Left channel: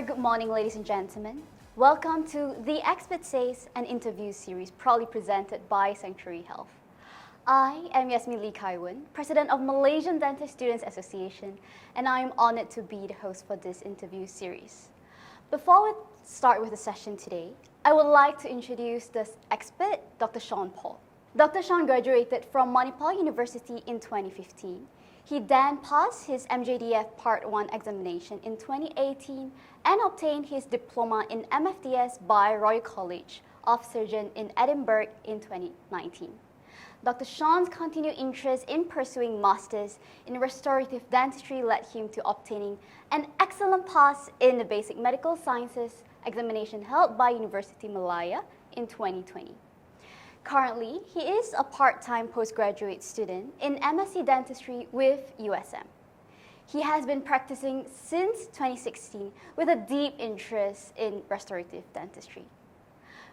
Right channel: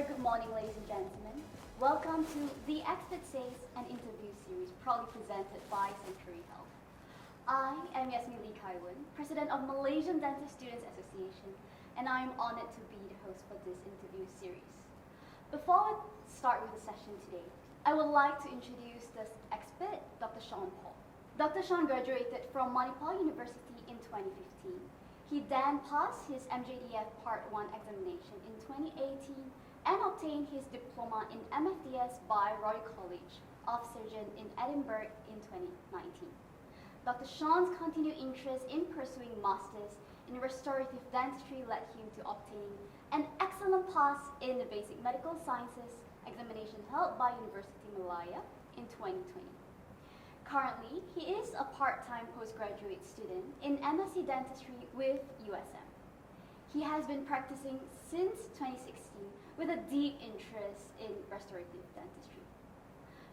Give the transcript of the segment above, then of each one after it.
very good morning, ladies and gentlemen. Welcome to The Expert Says, an interview series proudly presented by Sanctuary Health. I am Yasmin Lee Kaiwan, President of Malaysian Dentist Students Association, and I am honored to be the host for this interview series. Before we start with the session today, I would like to introduce the expert, Dr. Shawn Paul. Dr. Shawn graduated from Manipal University in 2015. He then passed his MJDF Part 1 examination in 2018 and obtained his diploma in MFDS by Royal College of Surgeons in Edinburgh in 2019. Dr. Shawn's continued interest in pursuing masters in restorative dentistry led him to obtaining an excellent pass in the basic medical sciences examination held by University Malaya in 2020. Currently, he is a part-time postgraduate student in MSc Dentistry with USM. He has been practicing since 2016 with a deep interest in restorative dentistry.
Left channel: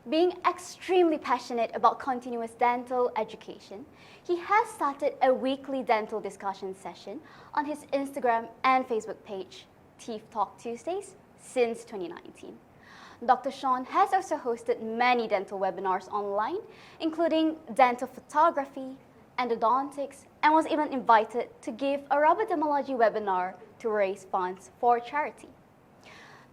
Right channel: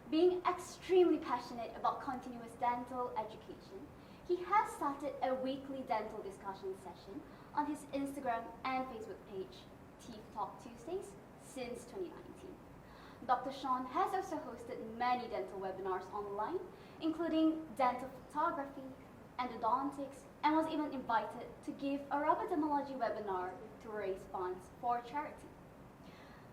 Being extremely passionate about continuous dental education, he has started a weekly dental discussion session on his Instagram and Facebook page, Teeth Talk Tuesdays, since 2019. Dr. Shawn has also hosted many dental webinars online, including dental photography, endodontics, and was even invited to give a Rubberdamology webinar to raise funds for charity.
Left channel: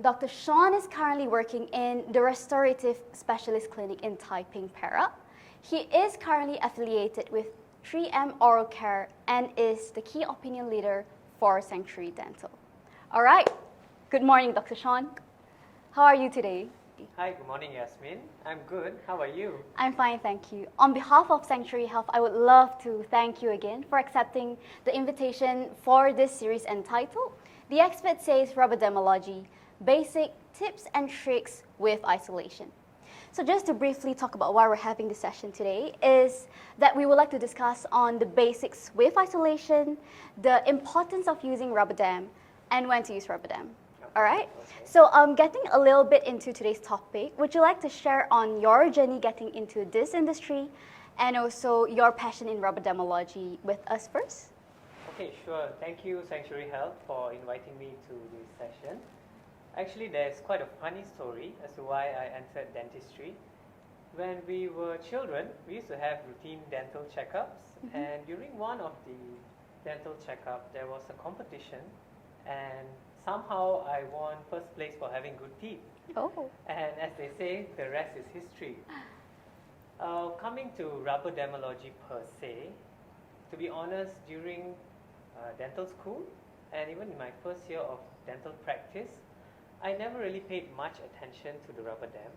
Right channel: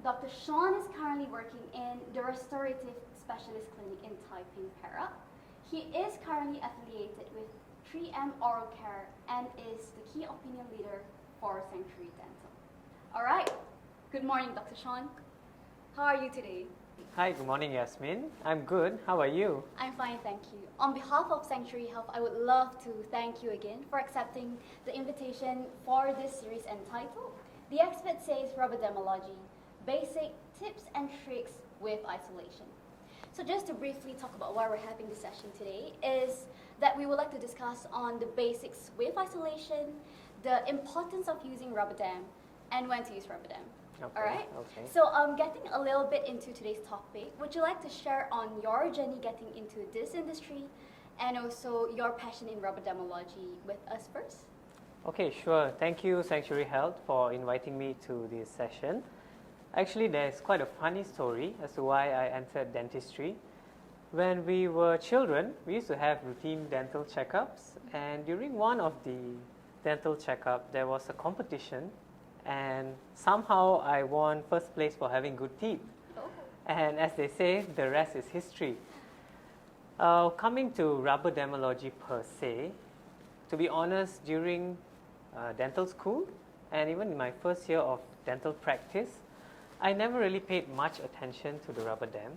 Dr. Shawn is currently working in the Restorative Specialist Clinic in Taiping, Perak. He is currently affiliated with 3M Oral Care and is the key opinion leader for Sanctuary Dental. All right, good morning, Dr. Shawn. How are you today? Hi, good morning, Yasmin. I'm good. How are you? I'm fine, thank you. On behalf of Sanctuary Health, I would love to thank you again for accepting the invitation for this series entitled The Expert Says Rubberdamology, Basic Tips and Tricks with Isolation. So just to briefly talk about why we're having this session today is that we would like to discuss on the basics with isolation, the importance of using Rubberdam, and when to use Rubberdam. Okay. All right. Okay. So getting a little bit into today's topic, would you like to share on your journey getting into this industry and also your passion in Rubberdamology with us first? Okay, sure. Thank you, Sanctuary Health, for inviting me to this session. Actually, there's quite a funny story as to why I entered dentistry. When we were children, we used to have routine dental checkups, and during one of the dental checkup, there was a competition. And somehow I won first place for having good teeth. Oh. And as they say, the rest is history. Coming to Rubberdamology per se, to be honest, during dental school and even in my first year of dental practice, I never really paid much attention to the Rubberdam.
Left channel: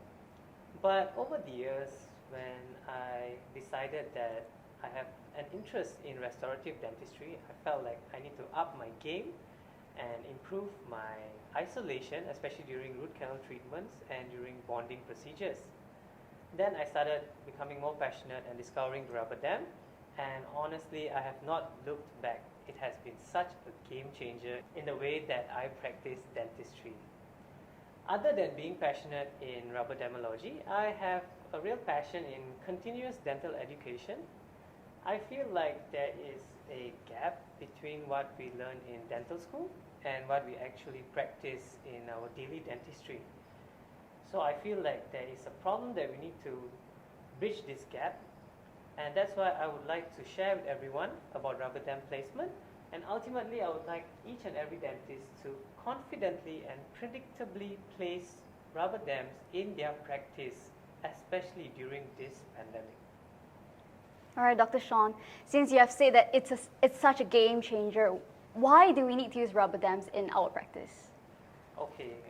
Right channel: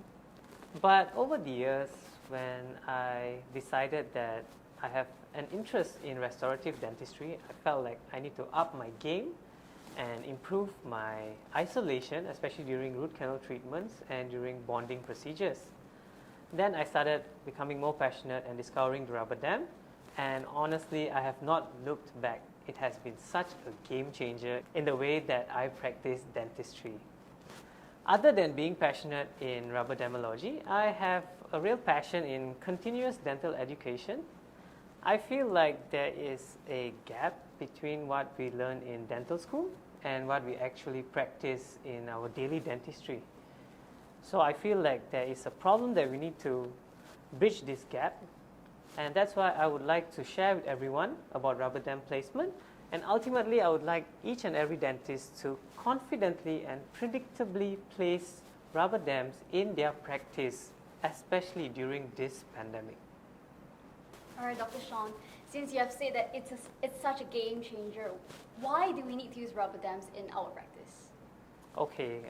But over the years, when I decided that I have an interest in restorative dentistry, I felt like I need to up my game and improve my isolation, especially during root canal treatments and during bonding procedures. Then I started becoming more passionate and discovering the Rubberdam, and honestly, I have not looked back. It has been such a game changer in the way that I practice dentistry. Other than being passionate in Rubberdamology, I have a real passion in continuous dental education. I feel like there is a gap between what we learn in dental school and what we actually practice in our daily dentistry. So I feel like there is a problem that we need to bridge this gap, and that's why I would like to share with everyone about Rubberdam placement, and ultimately I would like each and every dentist to confidently and predictably place Rubberdams in their practice, especially during this pandemic. All right, Dr. Shawn, since you have said that it's such a game changer, why do we need to use Rubberdams in our practice? Okay,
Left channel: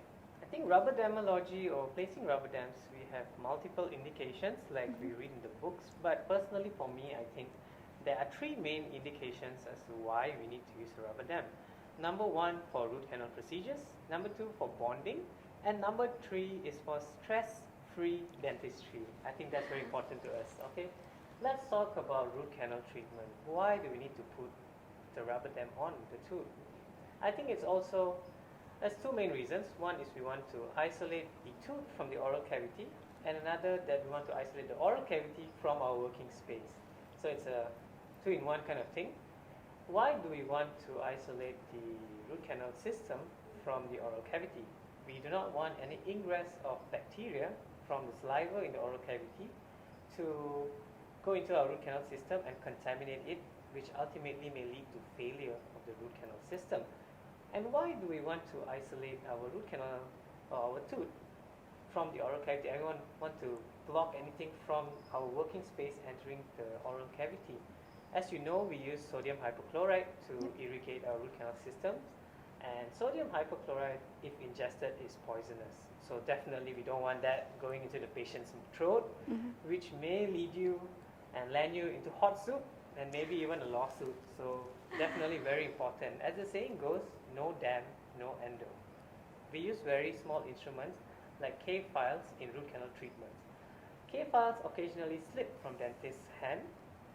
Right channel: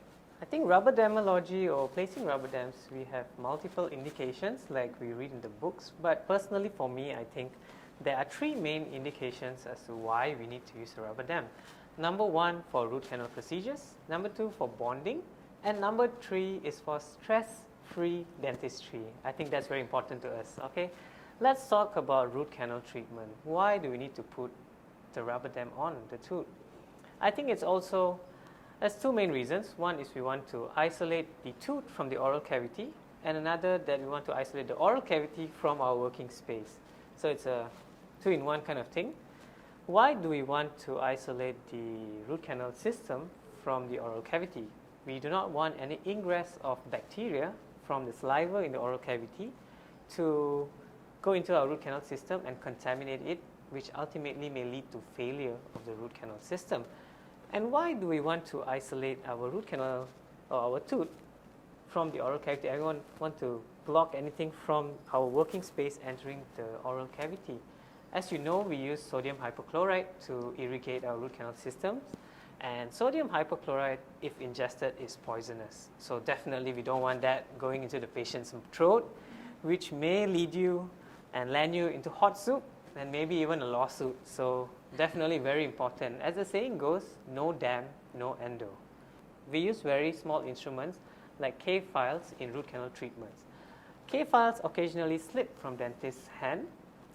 I think Rubberdamology or placing Rubberdams, we have multiple indications like we read in the books, but personally for me, I think there are three main indications as to why we need to use a Rubberdam. Number one, for root canal procedures. Number two, for bonding. And number three is for stress-free dentistry. I think that's very important to us, okay? Let's talk about root canal treatment. Why do we need to put the Rubberdam on the tooth? I think there's two main reasons. One is we want to isolate the tooth from the oral cavity, and another that we want to isolate the oral cavity from our working space. So it's a two-in-one kind of thing. Why do we want to isolate the root canal system from the oral cavity? We do not want any ingress of bacteria from the saliva in the oral cavity to go into our root canal system and contaminate it, which ultimately may lead to failure of the root canal system. And why do we want to isolate our root canal or our tooth from the oral cavity? I want to block anything from our working space entering the oral cavity. As you know, we use sodium hypochlorite to irrigate our root canal systems, and sodium hypochlorite, if ingested, is poisonous. So definitely we don't want that going into the patient's throat, which may lead you and land you into hot soup and maybe even a lawsuit. So definitely very important. As the saying goes, no dam, no endo. We use very small instruments like K files in root canal treatments. K files occasionally slip from dentist's hand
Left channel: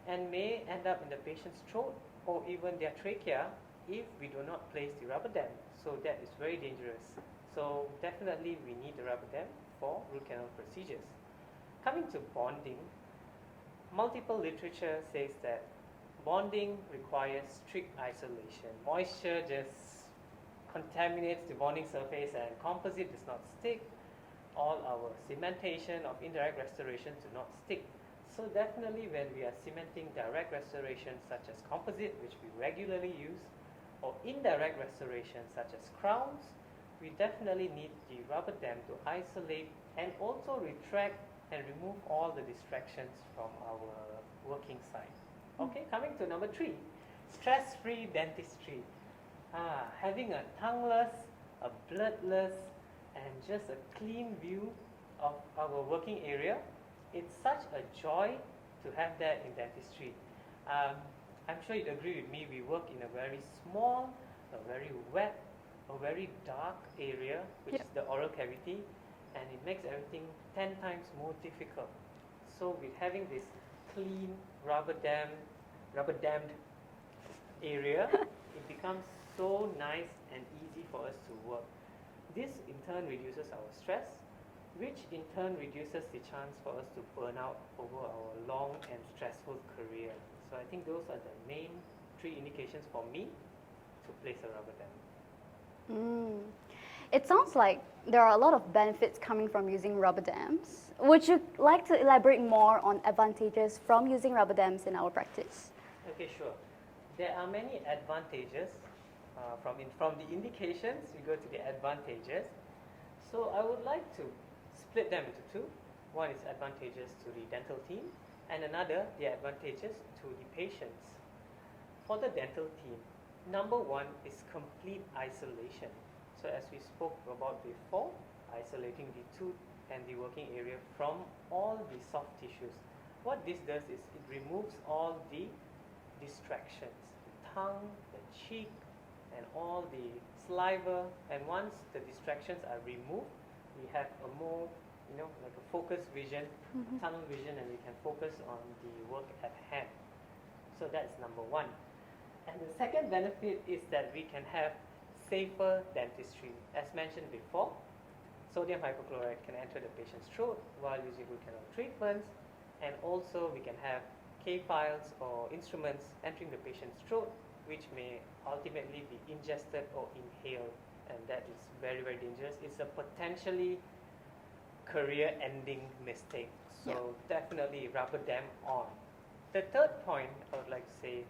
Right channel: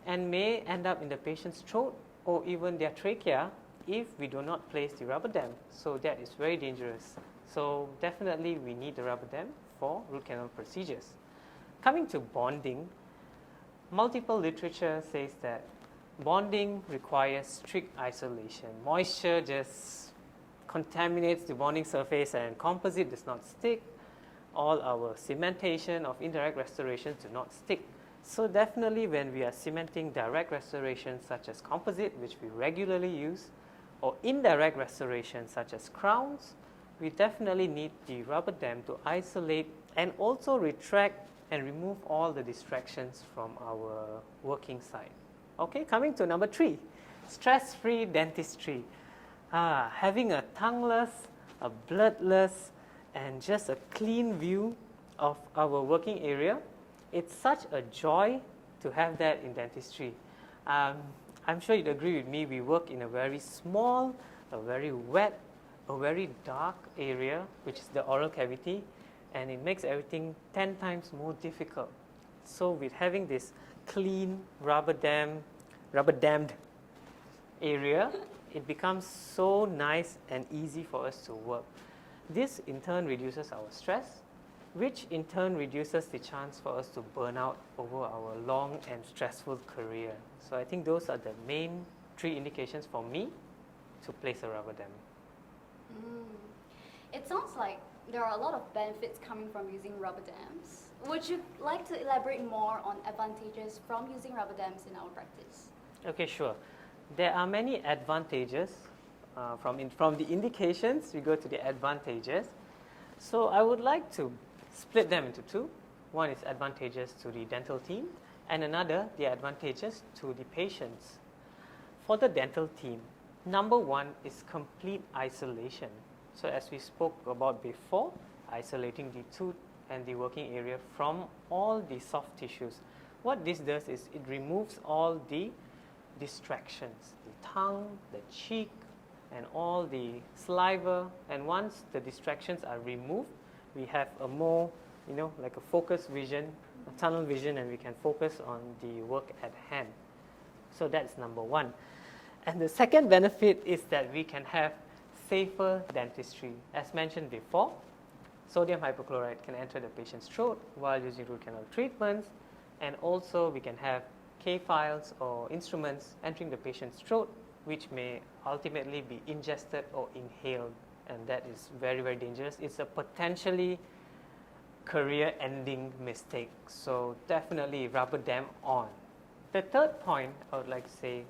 and may end up in the patient's throat or even their trachea if we do not place the rubber dam. So that is very dangerous. So definitely we need the rubber dam for root canal procedures. Coming to bonding, multiple literature says that bonding requires strict isolation. Moisture just contaminates the bonding surface and composite does not stick. All our cementation of indirect restoration do not stick. So definitely when we are cementing direct restoration such as composite, which we regularly use, or indirect restoration such as crowns, we definitely need the rubber dam to isolate and also retract and remove all the distractions from our working site. Okay, coming to number 3, stress-free dentistry. Having a tongueless, a bloodless, and just a clean view of our working area, it's such a joy to have that in dentistry. I'm sure you'd agree with me, we work in a very small, a very wet, a very dark area, which is the oral cavity, and it makes everything 10 times more difficult. So with having this clean, rubber dammed area, it becomes so nice and easy for us to work. This in turn reduces our stress, which in turn reduces the chance for us to burn out over our long and stressful career. So I think those are the main 3 indications for me to place a rubber dam. It sounds like there are a lot of benefits coming from using rubber dams. Would you like to elaborate more on advantages from using rubber dams in our practice? Okay, sure. There are many advantages. From the indications, we go to the advantages. So I would like to split them into 2. One is advantages to the dental team, and another, the advantages to the patients. For the dental team, number 1 is complete isolation. So as we spoke about before, isolating the tooth and the working area from all the soft tissues. What this does is it removes all the distractions, the tongue, the cheek, and all the saliva. And once the distractions are removed, we have a more, like a focused vision, a tunnel vision, and we can focus on the work at hand. So that's number 1. And the second benefit is that we can have safer dentistry. As mentioned before, sodium hypochlorite can enter the patient's throat while using root canal treatments, and also we can have K files or instruments entering the patient's throat, which may ultimately be ingested or inhaled, and that is very, very dangerous. It's a potentially career-ending mistake. So definitely rubber dam on. The third point I would like to say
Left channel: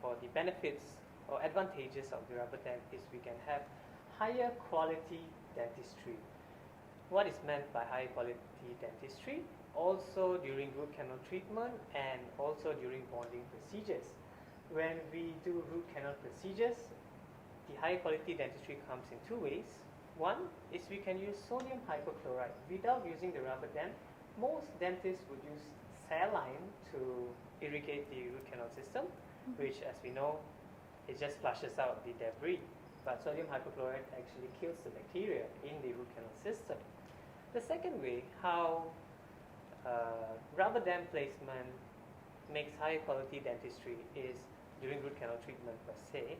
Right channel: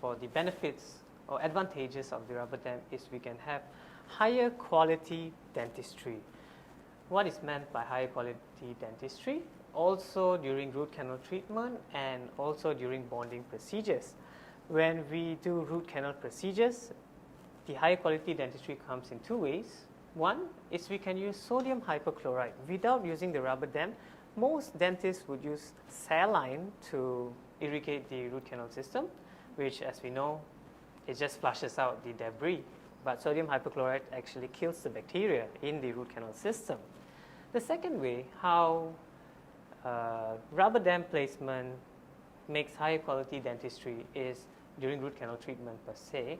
for the benefits or advantages of the rubber dam is we can have higher quality dentistry. What is meant by higher quality dentistry? Also during root canal treatment and also during bonding procedures. When we do root canal procedures, the high quality dentistry comes in 2 ways. One is we can use sodium hypochlorite without using the rubber dam. Most dentists would use saline to irrigate the root canal system, which, as we know, it just flushes out the debris. But sodium hypochlorite actually kills the bacteria in the root canal system. The second way how rubber dam placement makes high quality dentistry is during root canal treatment per se,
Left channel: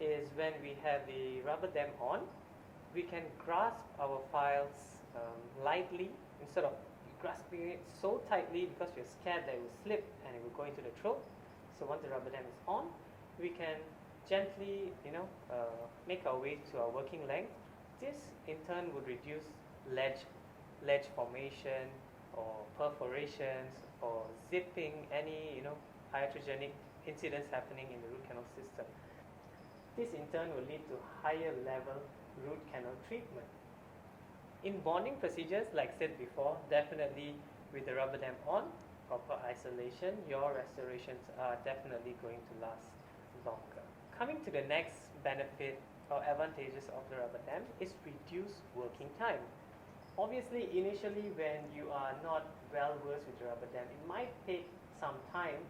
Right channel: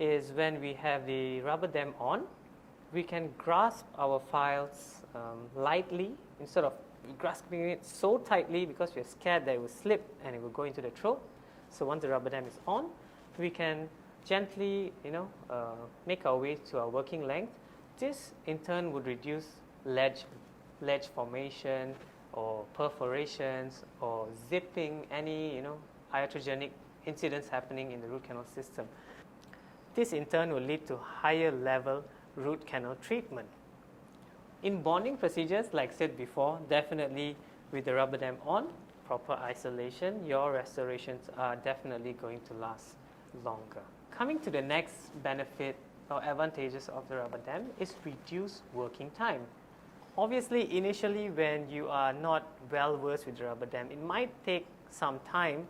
is when we have the rubber dam on, we can grasp our files lightly instead of grasping it so tightly because we're scared that it will slip and it will go into the throat. So once the rubber dam is on, we can gently make our way to our working length This in turn would reduce ledge formation or perforations or zipping, any iatrogenic incidents happening in the root canal system. This in turn will lead to higher level root canal treatment. In bonding procedures, like said before, definitely with the rubber dam on, proper isolation, your restorations are definitely going to last longer. Coming to the next benefit or advantages of the rubber dam is reduced working time. Obviously, initially when you are not well versed with the rubber dam, it might take some time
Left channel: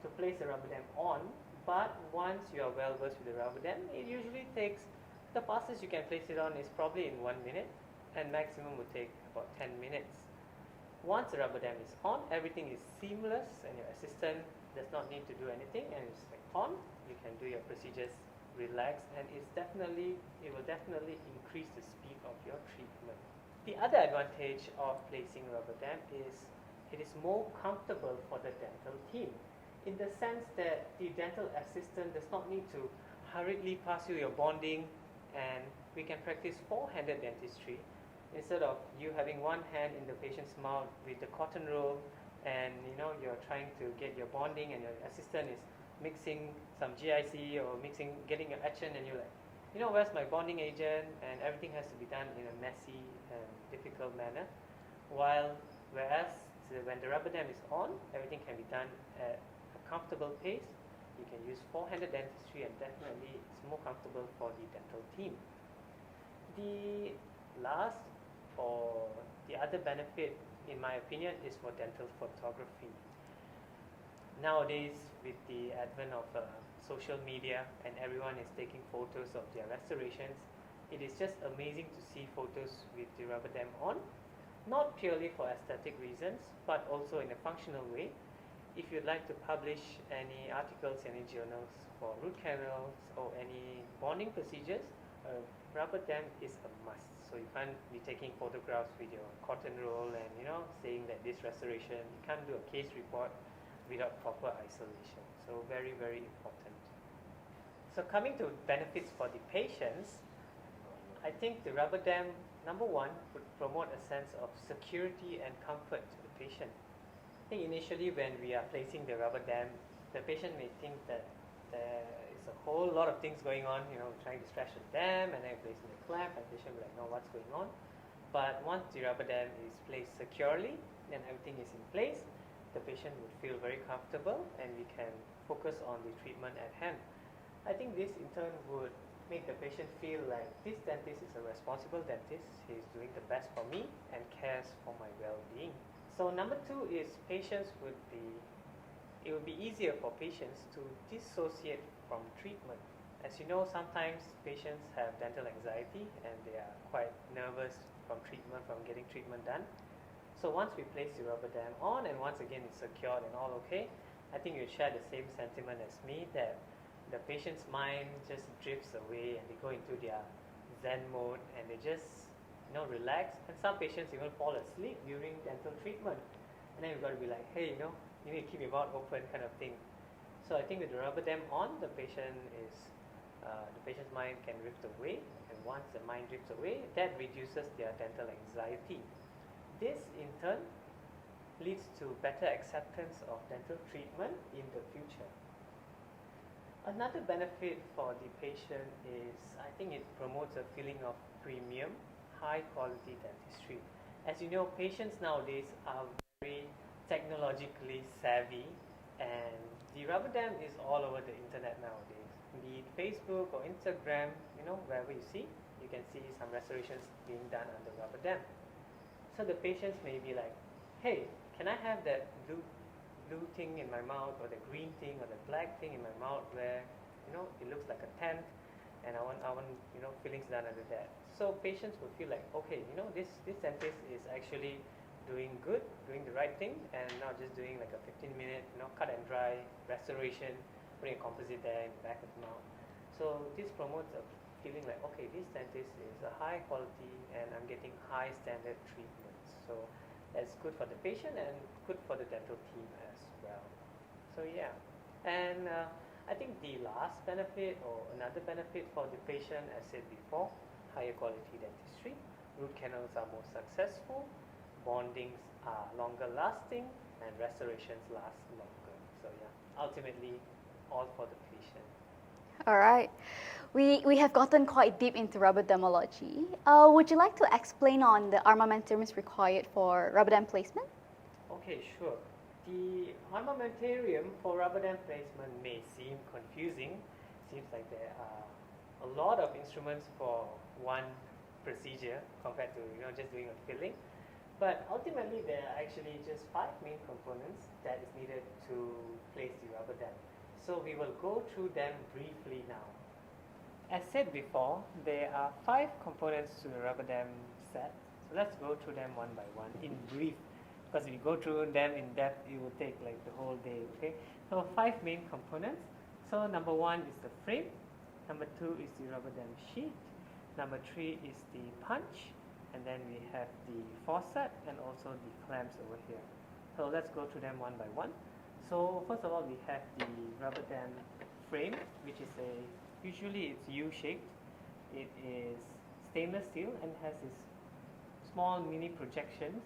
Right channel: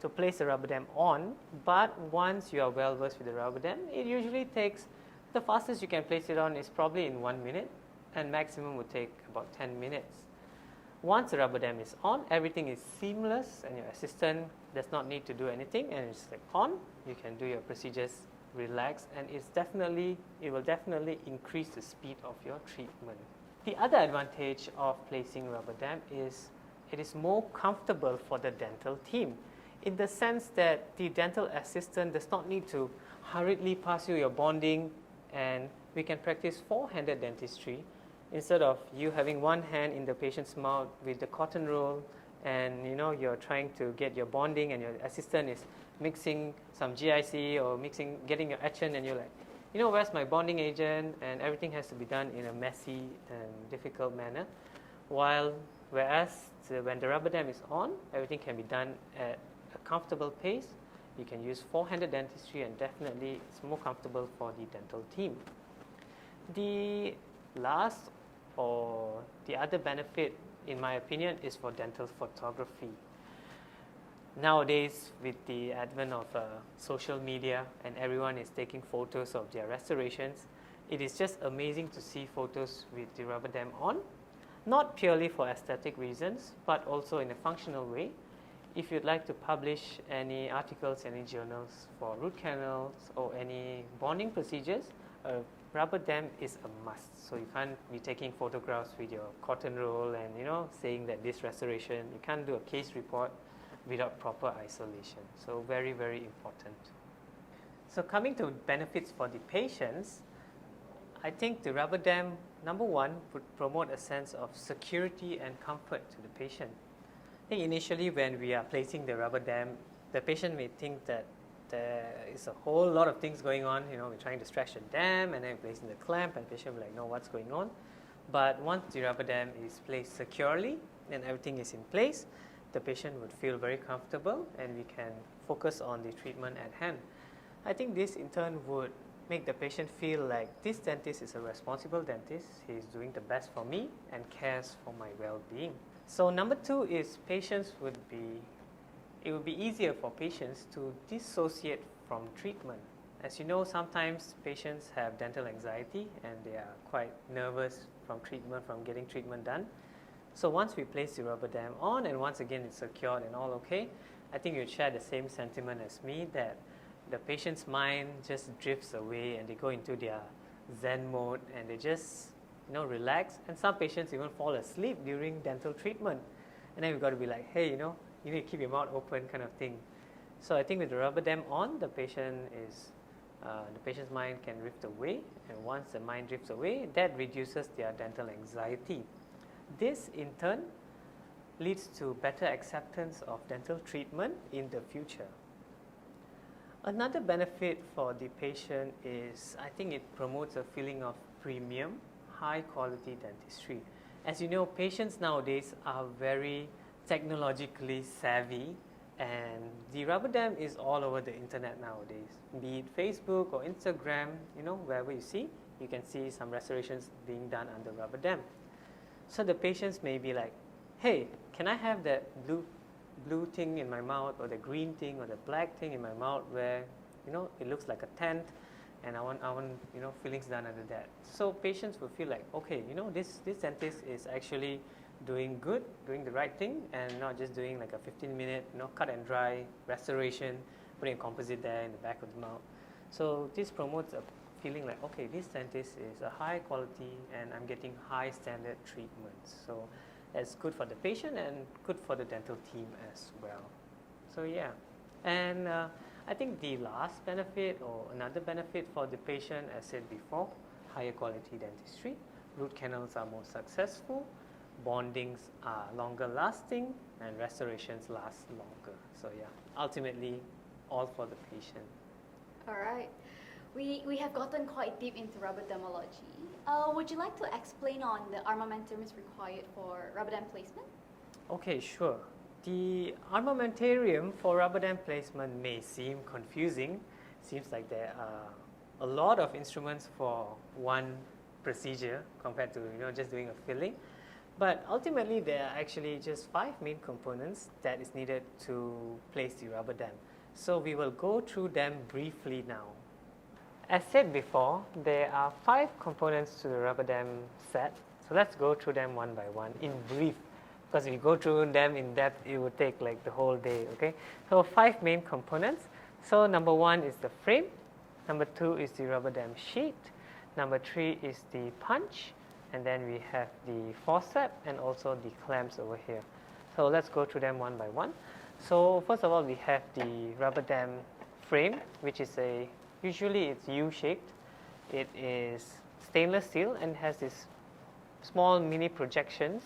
to place the rubber dam on, but once you are well versed with the rubber dam, it usually takes, the fastest you can place it on is probably in 1 minute, and maximum would take about 10 minutes. Once the rubber dam is on, everything is seamless and your assistant does not need to do anything, and it's like on, you can do your procedures relaxed, and it will definitely increase the speed of your treatment. The other advantage of placing rubber dam is it is more comfortable for the dental team, in the sense that the dental assistant does not need to hurriedly pass you your bonding, and we can practice four-handed dentistry instead of you having one hand in the patient's mouth with the cotton roll, and you're trying to get your bonding and your assistant is mixing some GIC or getting your etchant, and you're like, where's my bonding agent, and everything has to be done in a messy and difficult manner. Whereas when the rubber dam is on, everything can be done at a comfortable pace. You can use four-handed dentistry, and definitely it's more comfortable for the dental team. The last or the other benefit, in my opinion, is for dental photography. Nowadays, with the advent of social media and everyone is taking photos of their restorations, it is just amazing to see photos with the rubber dam on, not purely for aesthetic reasons, but also in a functional way. If you'd like to publish any articles, any journals for root canals or any bonding procedures, a rubber dam is a must. So you can't be taking photographs with your cotton roll and saying that this restoration, you can't do a case report without proper isolation. So very, very important. So coming to benefits for the patients, I think the rubber dam, number one, would promote a sense of security and comfort to the patient. I think initially when we are placing the rubber dam, the patient may think that there is a whole lot of things going on. We're trying to stretch the dam and then placing the clamp, and the patient will be like, no, what's going on? But once the rubber dam is placed securely and everything is in place, the patient would feel very comfortable and we can focus on the treatment at hand. I think this in turn would make the patient feel like this dentist is a responsible dentist. He's doing the best for me and cares for my well-being. So number two is it would be easier for patients to dissociate from treatment. As you know, sometimes patients have dental anxiety and they are quite nervous from getting treatment done. So once we place the rubber dam on and once again it's secured and all okay, I think you'd share the same sentiment as me, that the patient's mind just drifts away and they go into their Zen mode and they just relax. And some patients even fall asleep during dental treatment. And then we've got to be like, hey, you need to keep your mouth open, kind of thing. So I think with the rubber dam on, the patient's mind can drift away, and once the mind drifts away, that reduces their dental anxiety. This in turn leads to better acceptance of dental treatment in the future. Another benefit for the patient is, I think it promotes a feeling of premium, high quality dentistry. As you know, patients nowadays are very technologically savvy, and the rubber dam is all over the internet nowadays. Be it Facebook or Instagram, wherever you see, you can see some restorations being done under rubber dam. So the patients may be like, hey, can I have that blue thing in my mouth, or the green thing, or the black thing in my mouth where it looks like a tent, and I want fillings done under that. So patients will feel like, okay, this dentist is actually doing the right thing, and not just doing like a 15-minute cut and dry restoration, putting a composite there in the back of the mouth. So this promotes a feeling like, okay, this dentist is a high quality and I'm getting high standard treatments. So that's good for the patient and good for the dental team as well. So yeah, and I think the last benefit or another benefit for the patient, as said before, higher quality dentistry. Root canals are more successful, bondings are longer lasting, and restorations last longer. So yeah, ultimately all for the patient. All right. We have gotten quite deep into rubberdamology. Would you like to explain on the armamentariums required for rubber dam placement? Okay, sure. The armamentarium for rubber dam placement may seem confusing. Seems like there are a lot of instruments for one procedure compared to just doing a filling. But ultimately, there are actually just 5 main components that is needed to place the rubber dam. So we will go through them briefly now. As said before, there are 5 components to the rubber dam set. So let's go through them one by one in brief. Because if we go through them in depth, it would take like the whole day, okay? So 5 main components. So number 1 is the frame. Number 2 is the rubber dam sheet. Number 3 is the punch. And then we have the forceps and also the clamps over here. So let's go through them one by one. So first of all, we have the rubber dam frame, which is usually it's U-shaped. It is stainless steel and has this small mini projections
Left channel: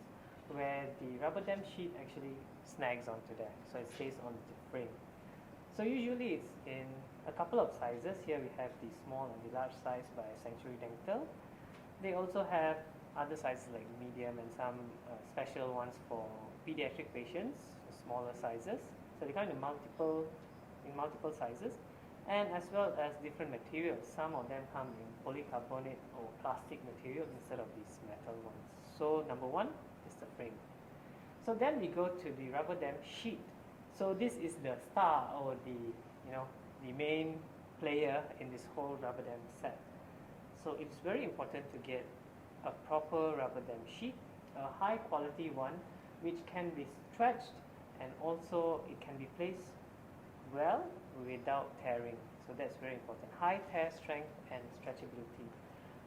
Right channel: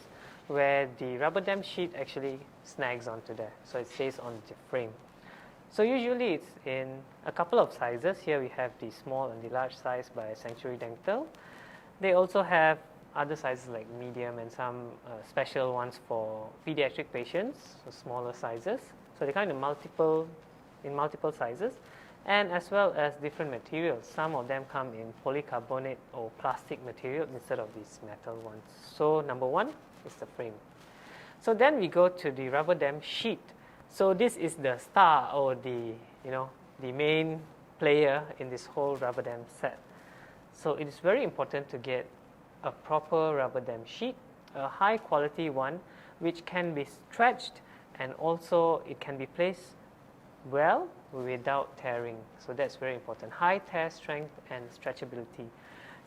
where the rubber dam sheet actually snags onto there. So it stays on the frame. So usually it's in a couple of sizes. Here we have the small and the large size by Sanctuary Dental. They also have other sizes like medium and some special ones for pediatric patients, so smaller sizes. So they come in multiple sizes, and as well as different materials. Some of them come in polycarbonate or plastic material instead of these metal ones. So number 1 is the frame. So then we go to the rubber dam sheet. So this is the star or the main player in this whole rubber dam set. So it is very important to get a proper rubber dam sheet, a high quality one which can be stretched and also it can be placed well without tearing. So that's very important. High tear strength and stretchability.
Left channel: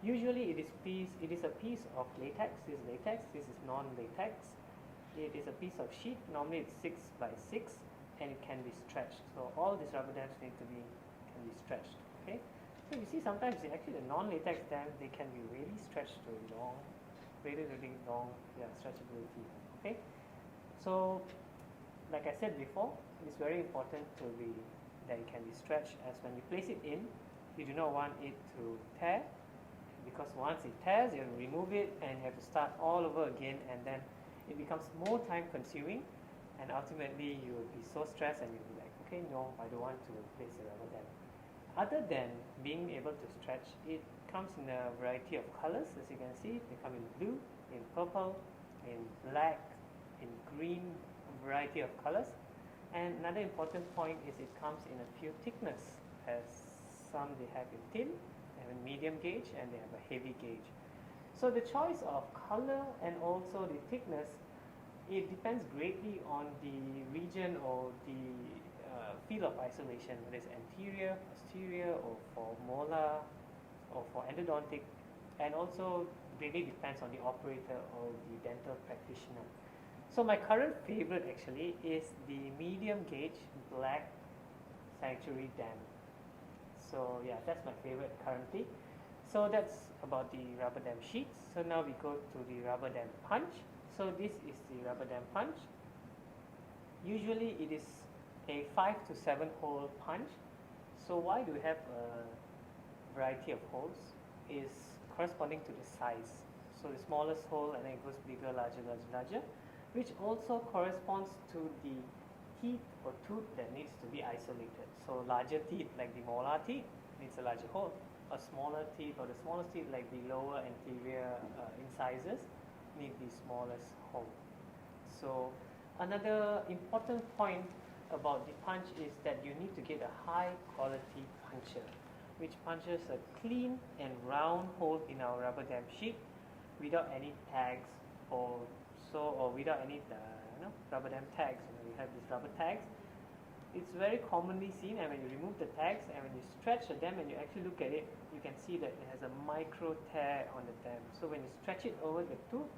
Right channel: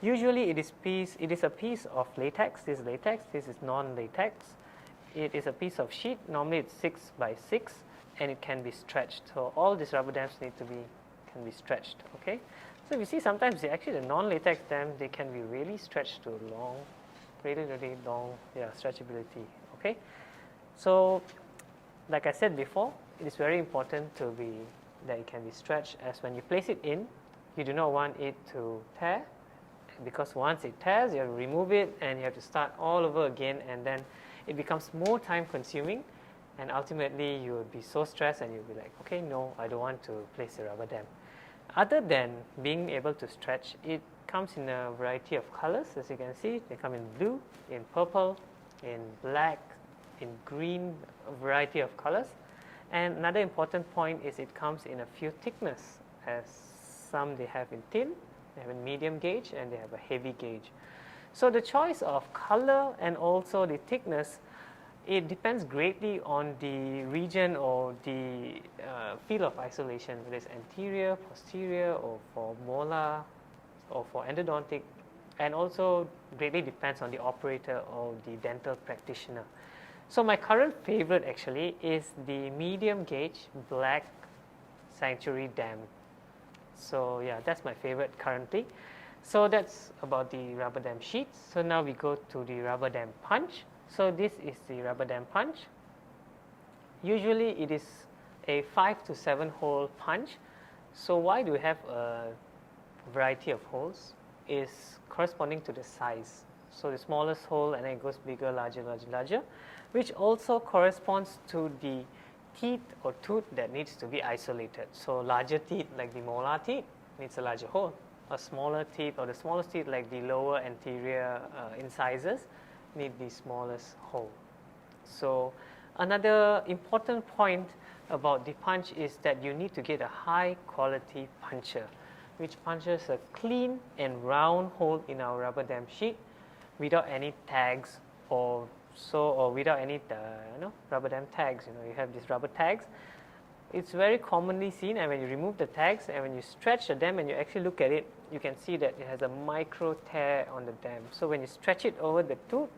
Usually it is a piece of latex. This is latex, this is non-latex. It is a piece of sheet. Normally it's 6 by 6 and it can be stretched. So all these rubber dams can be stretched. Okay. So you see sometimes actually the non-latex dams, they can be really stretched to long, really long stretchability. Okay. So like I said before, it is very important that it can be stretched, as when you place it in, you do not want it to tear, because once it tears, you have to remove it and you have to start all over again, and then it becomes more time consuming, and ultimately you will be so stressed and you'll be like, okay, no, I don't want to place a rubber dam. Other than being able to stretch, it comes in a variety of colors. As you can see, they come in blue, in purple, in black, in green, a variety of colors. And another important point is it comes in a few thickness, as some they have in thin, they have in medium gauge, and they have a heavy gauge. So the choice of color and also the thickness, it depends greatly on the region or the field of isolation, whether it's anterior, posterior, or for molar, or for endodontic, and also greatly depends on the operator or the dental practitioner. So my current favorite actually is the medium gauge black Sanctuary dam. So yeah, that's my favorite currently. So that's about the rubber dam sheets. So now we go to the rubber dam punch. So this is the rubber dam punch. Usually it is a 5 to 7 hole punch. So why do we have a variety of holes? Is corresponding to the size. So the smallest hole, and then it goes bigger, larger, larger, larger, which also corresponds to the teeth or tooth that needs to be isolated. So larger teeth like the molar teeth needs a larger hole. A smaller teeth or the smallest teeth like the lower anterior incisors need the smallest hole. So another important point about the punch is that you need to get a high quality puncher, which punches a clean and round hole in our rubber dam sheet without any tags or without any rubber dam tags. You have these rubber tags. It's very commonly seen, and when you remove the tags and when you stretch the dam and you actually look at it, you can see that it has a micro tear on the dam. So when you stretch it over the tooth,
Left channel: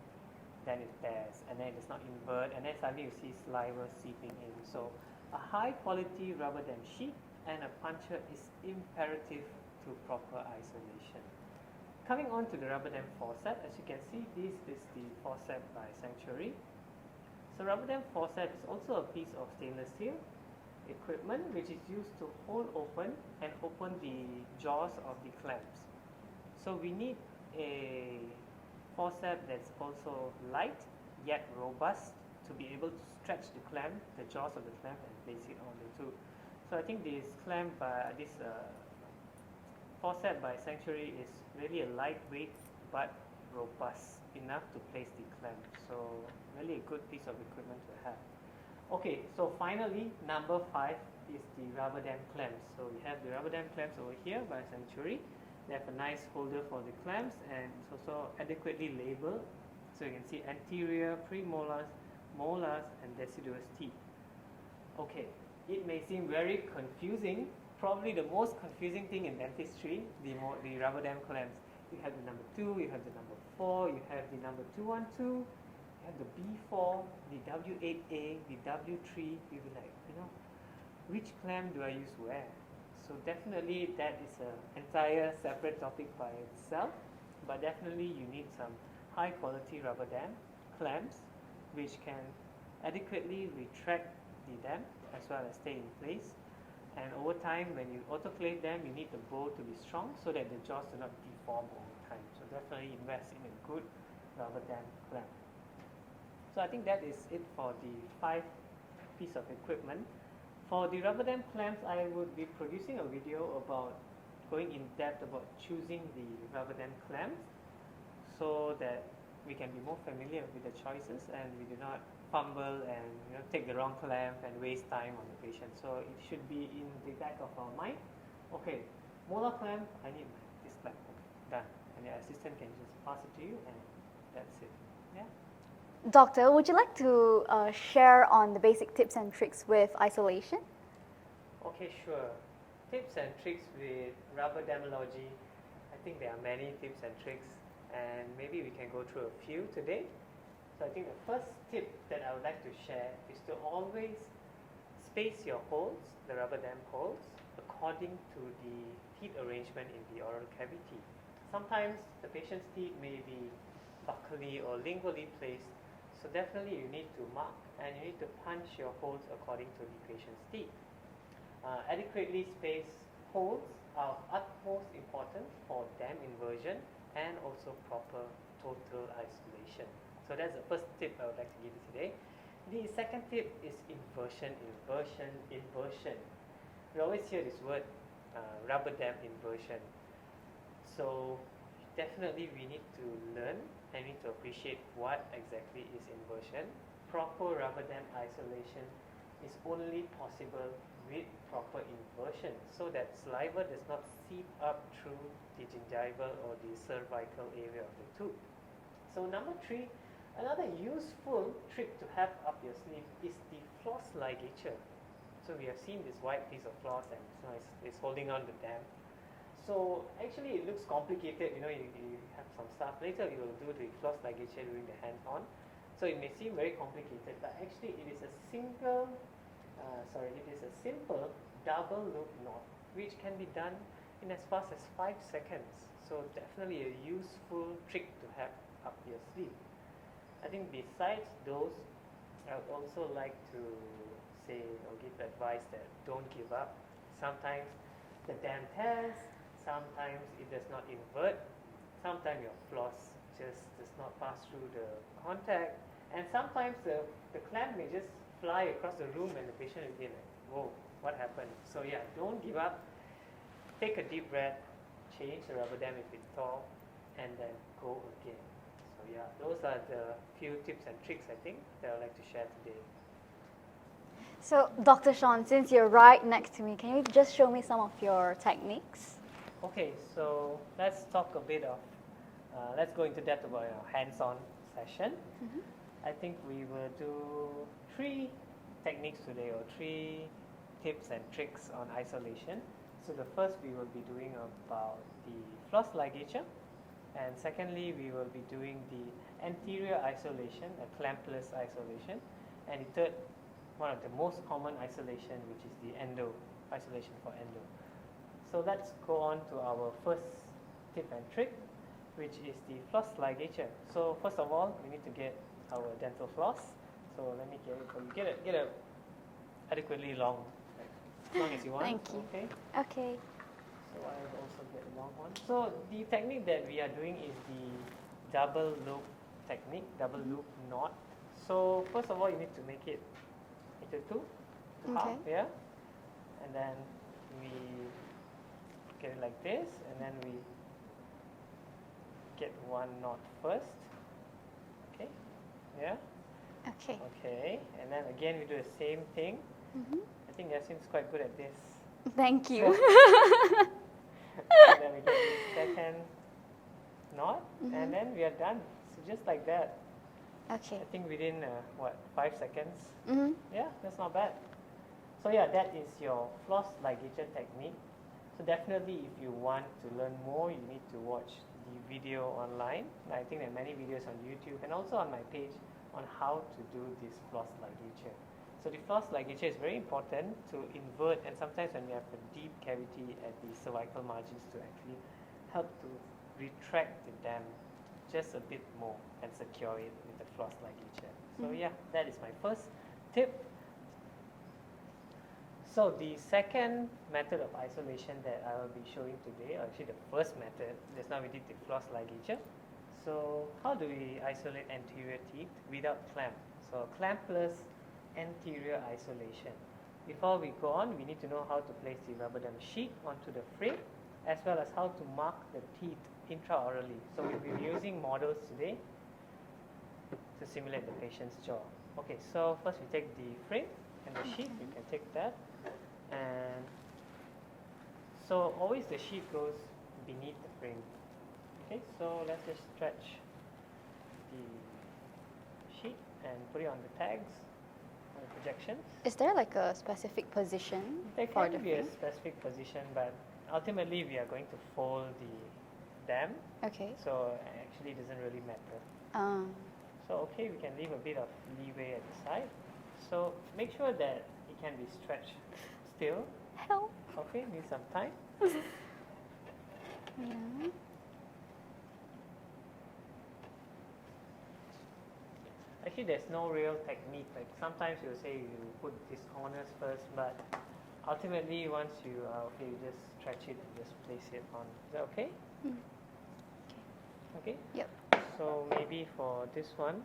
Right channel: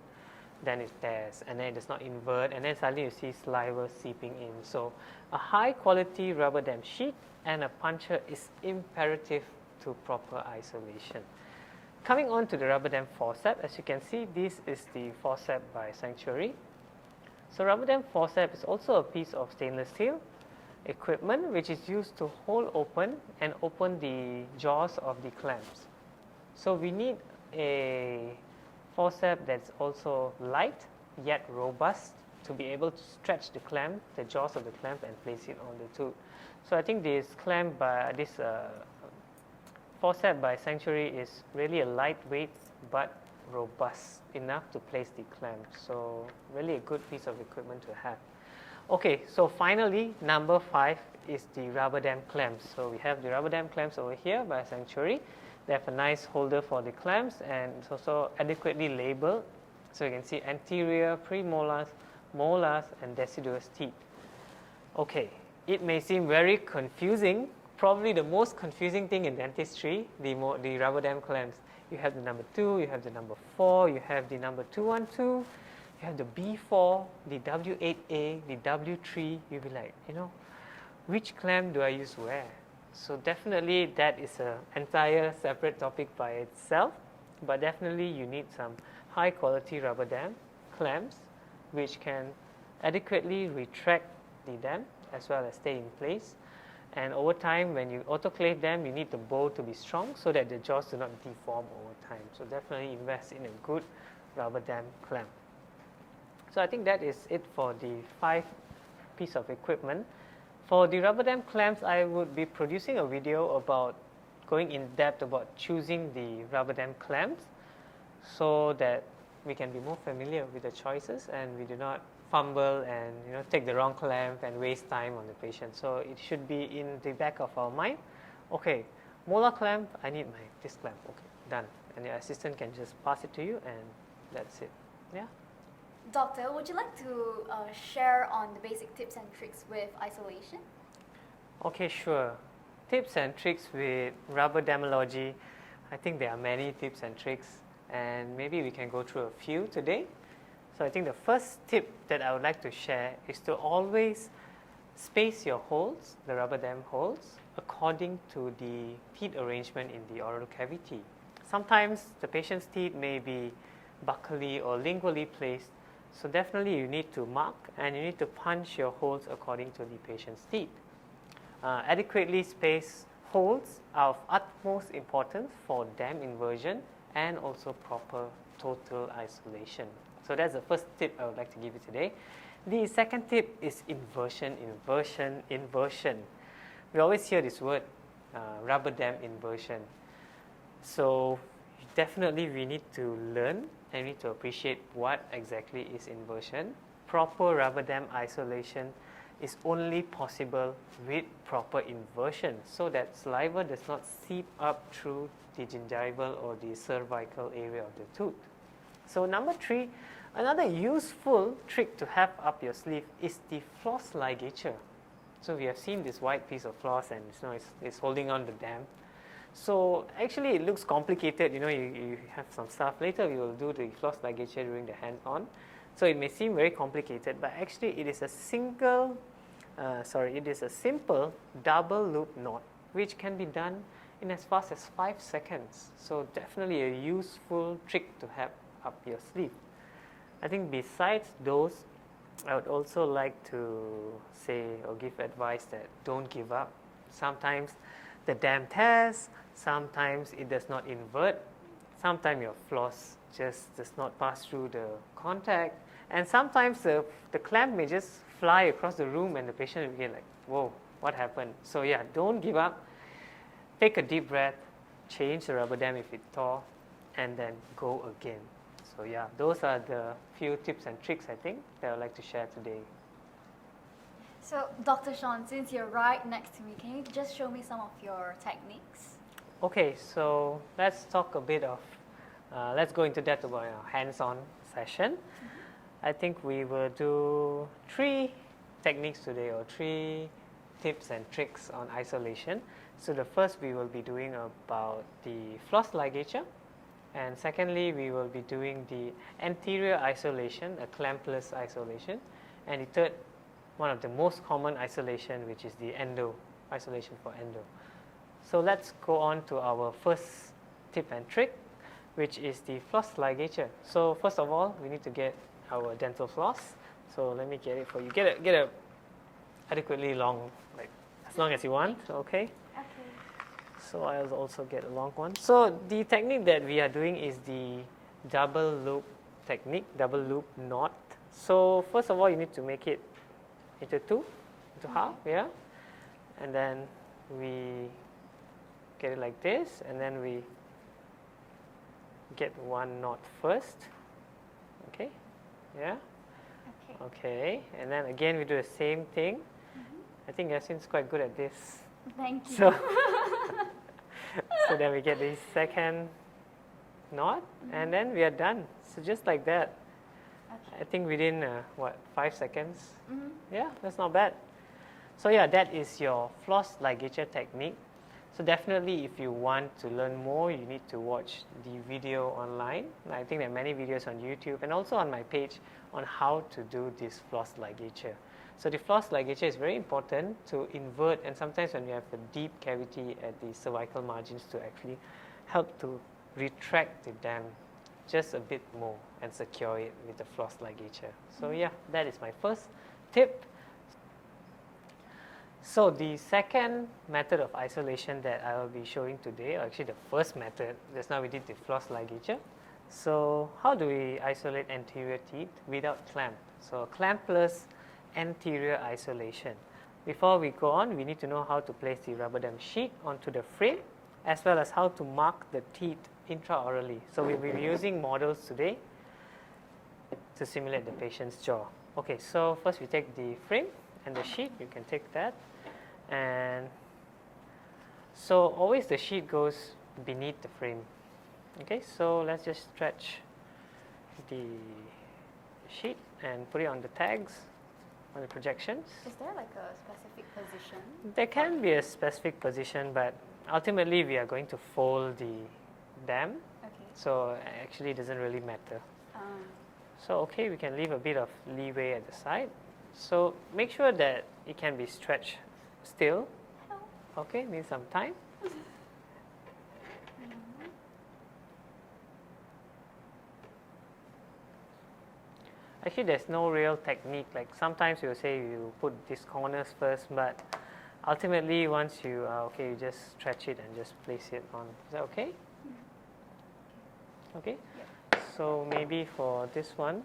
then it tears, and then it does not invert, and then suddenly you see saliva seeping in. So a high quality rubber dam sheet and a puncher is imperative to proper isolation. Coming on to the rubber dam forceps, as you can see, this is the forceps by Sanctuary. So rubber dam forceps is also a piece of stainless steel equipment which is used to hold open and open the jaws of the clamps. So we need a forceps that's also light yet robust to be able to stretch the clamp, the jaws of the clamp, and place it on the tooth. So I think this clamp by this forceps by Sanctuary is really a lightweight but robust enough to place the clamp. So really a good piece of equipment to have. Okay, so finally number 5 is the rubber dam clamps. So we have the rubber dam clamps over here by Sanctuary. They have a nice holder for the clamps and it's also adequately labeled. So you can see anterior, premolars, molars, and deciduous teeth. Okay, it may seem very confusing. Probably the most confusing thing in dentistry, the rubber dam clamps. You have the number 2, you have the number 4, you have the number 212, you have the B4, the W8A, the W3. You'll be like, which clamp do I use where? So definitely that is an entire separate topic by itself, but definitely you need some high quality rubber dam clamps which can adequately retract the dam as well as stay in place. And over time, when you autoclave them, you need the bowl to be strong so that the jaws do not deform over time. So definitely invest in a good rubber dam clamp. So I think that is it for the 5 piece of equipment. For the rubber dam clamps, I would be producing a video about going in depth about choosing the rubber dam clamps so that we can be more familiar with the choices and we do not fumble and take the wrong clamp and waste time on the patient. So it should be in the back of our mind. Okay, molar clamp, I need this clamp. Okay, done. And the assistant can just pass it to you and that's it. Yeah. Doctor, would you like to share on the basic tips and tricks with isolation? Okay, sure. Tips and tricks with Rubberdamology. I think there are many tips and tricks and maybe we can go through a few today. So I think the first tip that I would like to share is to always space your holes, the rubber dam holes, according to the teeth arrangement in the oral cavity. Sometimes the patient's teeth may be buccally or lingually placed, so definitely you need to mark and you need to punch your holes according to the patient's teeth. Adequately spaced holes are of utmost importance for dam inversion and also proper total isolation. So that's the first tip I would like to give you today. The second tip is inversion, inversion, inversion. We always hear this word, rubber dam inversion. So definitely we need to learn and we need to appreciate what exactly is inversion. Proper rubber dam isolation is only possible with proper inversion so that saliva does not seep up through the gingival or the cervical area of the tooth. So number 3, another useful trick to have up your sleeve is the floss ligature. So we have seen this white piece of floss and it's holding on the dam. So actually it looks complicated, you have some stuff. Later we will do the floss ligature during the hands-on. So it may seem very complicated, but actually it is a simple double loop knot which can be done in as fast as 5 seconds. So definitely a useful trick to have up your sleeve. I think besides those, I would also like to say or give advice that don't give up. Sometimes the dam tears, sometimes it does not invert, sometimes your floss just does not pass through the contact, and sometimes the clamp may just fly across the room and the patient will get like, whoa, what happened? So yeah, don't give up. Take a deep breath, change the rubber dam if it tore, and then go again. So yeah, those are the few tips and tricks I think that I would like to share today. So Dr. Shawn, since you're right next to me, can you just show me some of your techniques? Okay, so let's talk a bit of, let's go into depth about our hands-on session. I think we will do 3 techniques today or 3 tips and tricks on isolation. So the first we will be doing about the floss ligature. And secondly, we will be doing the anterior isolation, a clampless isolation. And the third, one of the most common isolation, which is the endo, isolation for endo. So let's go on to our first tip and trick. which is the floss ligature. So first of all, we need to get our dental floss. So let me get it for you. Get a adequately long, like as long as you want. Thank you. Okay. Okay. So I'll also get a long one. So the technique that we are doing is the double loop technique, double loop knot. So first of all, you need to make it into two, into half, yeah. And then we get it like this, and then we get one knot first. Okay, yeah. Okay. Okay, and then again we do the same thing. I think Yasin's quite good at this. Thank you. So, so then we get this second knot, and then we are done. So just like that. Okay. I think within, 5 seconds? Mm-hmm. Yeah, that's not bad. So yeah, that is your floss ligature technique. So definitely if you want to learn more, you need to watch the video online. I think there are many videos on YouTube and also on my page on how to do this floss ligature. So the floss ligature is very important to invert, and sometimes when you have a deep cavity at the cervical margins, to actually help to retract the dam just a bit more and secure it with the floss ligature. So yeah, that is my first tip. So the second method of isolation that I will be showing today, or actually the first method, just now we did the floss ligature. So how do we isolate anterior teeth without clamp? So clampless anterior isolation. Before we go on, we need to know how to place the rubber dam sheet onto the frame, as well as how to mark the teeth intraorally. So we'll be using models today to simulate the patient's jaw. Okay, so first we take the frame and the sheet. You can take that. And so always the sheet goes beneath the frame. Okay, so let's just stretch the sheet and put it on the tags, on the projections. Is there like a specific position? There can be a specific position, but ultimately we are going to fold the dam. Okay. So actually it doesn't really matter. So okay, we can leave a bit of leeway at the side. So make sure that it can be stretched still. Help. Okay, need some time. Actually, there's no real technique. Like sometimes you'll say you put these corners first, but ultimately once you are okay, you just stretch it and just place it on. Is that okay? Okay? Yep. So maybe for this one,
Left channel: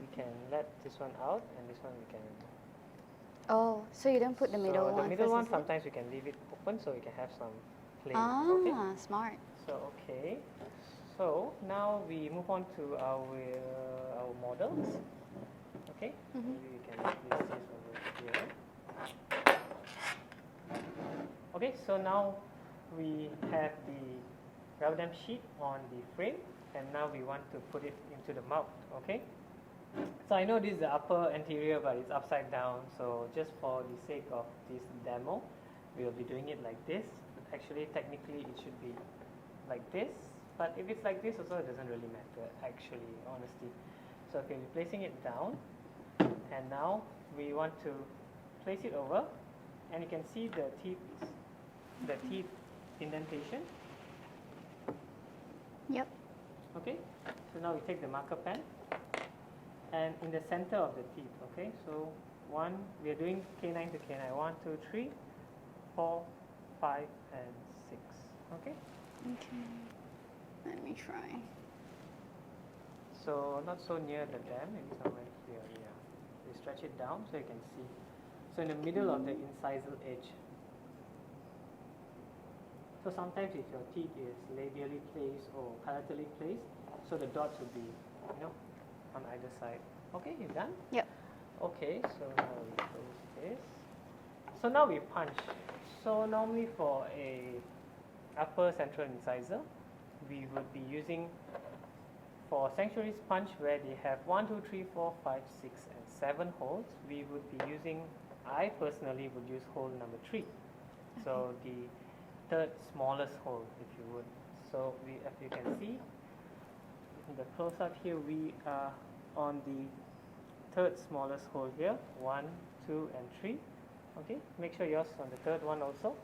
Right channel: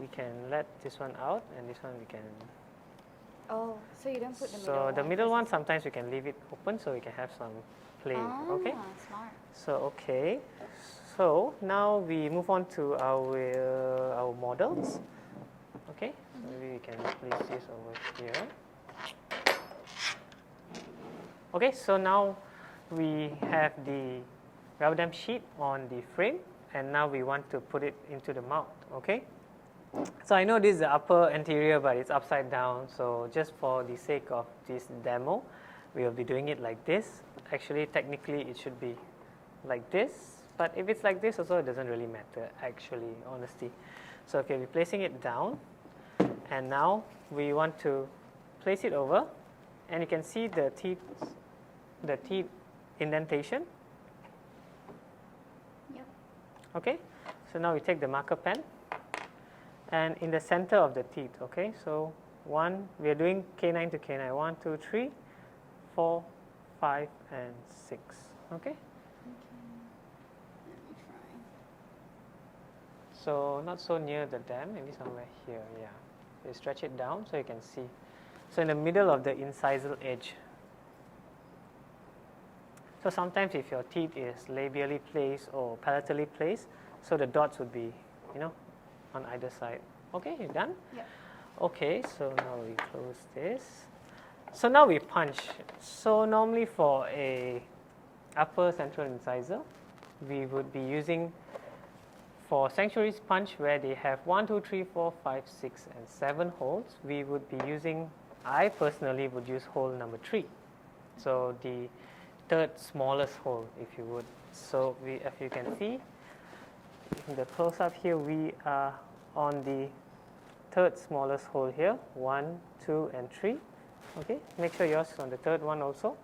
we can let this one out, and this one we can. Oh, so you don't put the middle So one? the middle first one, instead? sometimes we can leave it open so we can have some play. Ah, Okay? smart. So okay. So now we move on to our models. Okay? Maybe we can place this over here. Okay, so now we have the rubber dam sheet on the frame, and now we want to put it into the mouth. Okay? So I know this is the upper anterior, but it's upside down. So just for the sake of this demo, we will be doing it like this. Actually, technically, it should be like this. But if it's like this also, it doesn't really matter, actually, honestly. So okay, we're placing it down. And now we want to place it over. And you can see the teeth indentation. Yep. Okay, so now we take the marker pen. And in the center of the teeth, okay, so we are doing canine to canine. 1, 2, 3, 4, 5, and 6. Okay? Okay. Let me try. So not so near the dam, maybe somewhere here, yeah. You stretch it down so you can see. So in the middle of the incisal edge. So sometimes if your teeth is labially placed or palatally placed, so the dots would be, on either side. Okay, you done? Yep. Okay, so now we close this. So now we punch. So normally for a upper central incisor, we would be using, for sanctuary's punch where they have 1, 2, 3, 4, 5, 6, and 7 holes, we would be using, I personally would use hole number 3. So the third smallest hole, if you would. So if you can see, in the close-up here, we are on the third smallest hole here, 1, 2, and 3. Okay, make sure yours is on the third one also.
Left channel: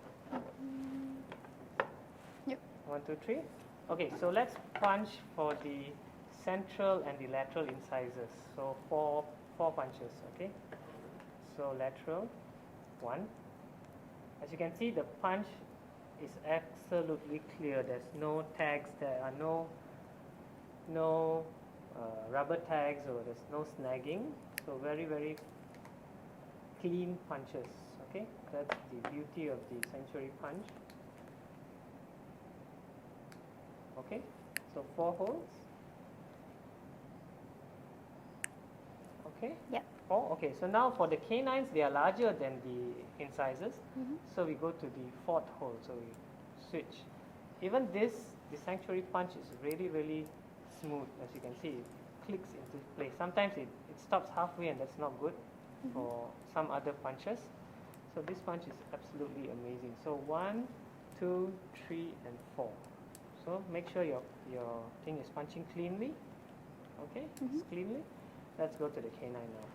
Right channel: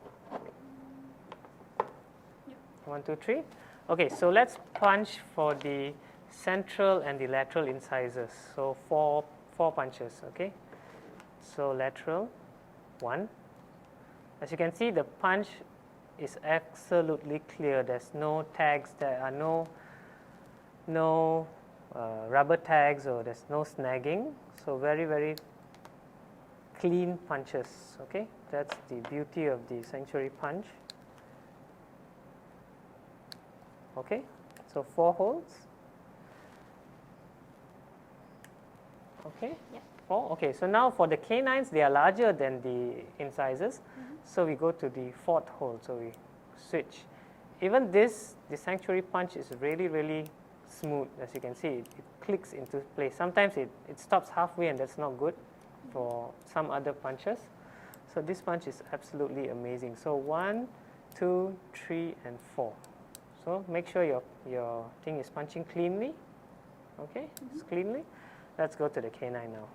Yep. 1, 2, 3. Okay, so let's punch for the central and the lateral incisors. So four punches, okay? So lateral, 1. As you can see, the punch is absolutely clear. There's no tags, there are no rubber tags, or there's no snagging. So very, very clean punches, okay? That's the beauty of the sanctuary punch. Okay, so 4 holes. Okay. Yeah. 4. Okay, so now for the canines, they are larger than the incisors. So we go to the 4th hole. So we switch. Even this, the sanctuary punch is really, really smooth. As you can see, it clicks into place. Sometimes it stops halfway, and that's not good for some other punches. So this punch is absolutely amazing. So 1, 2, 3, and 4. So make sure your thing is punching cleanly. Okay, it's cleanly. Let's go to the canine now.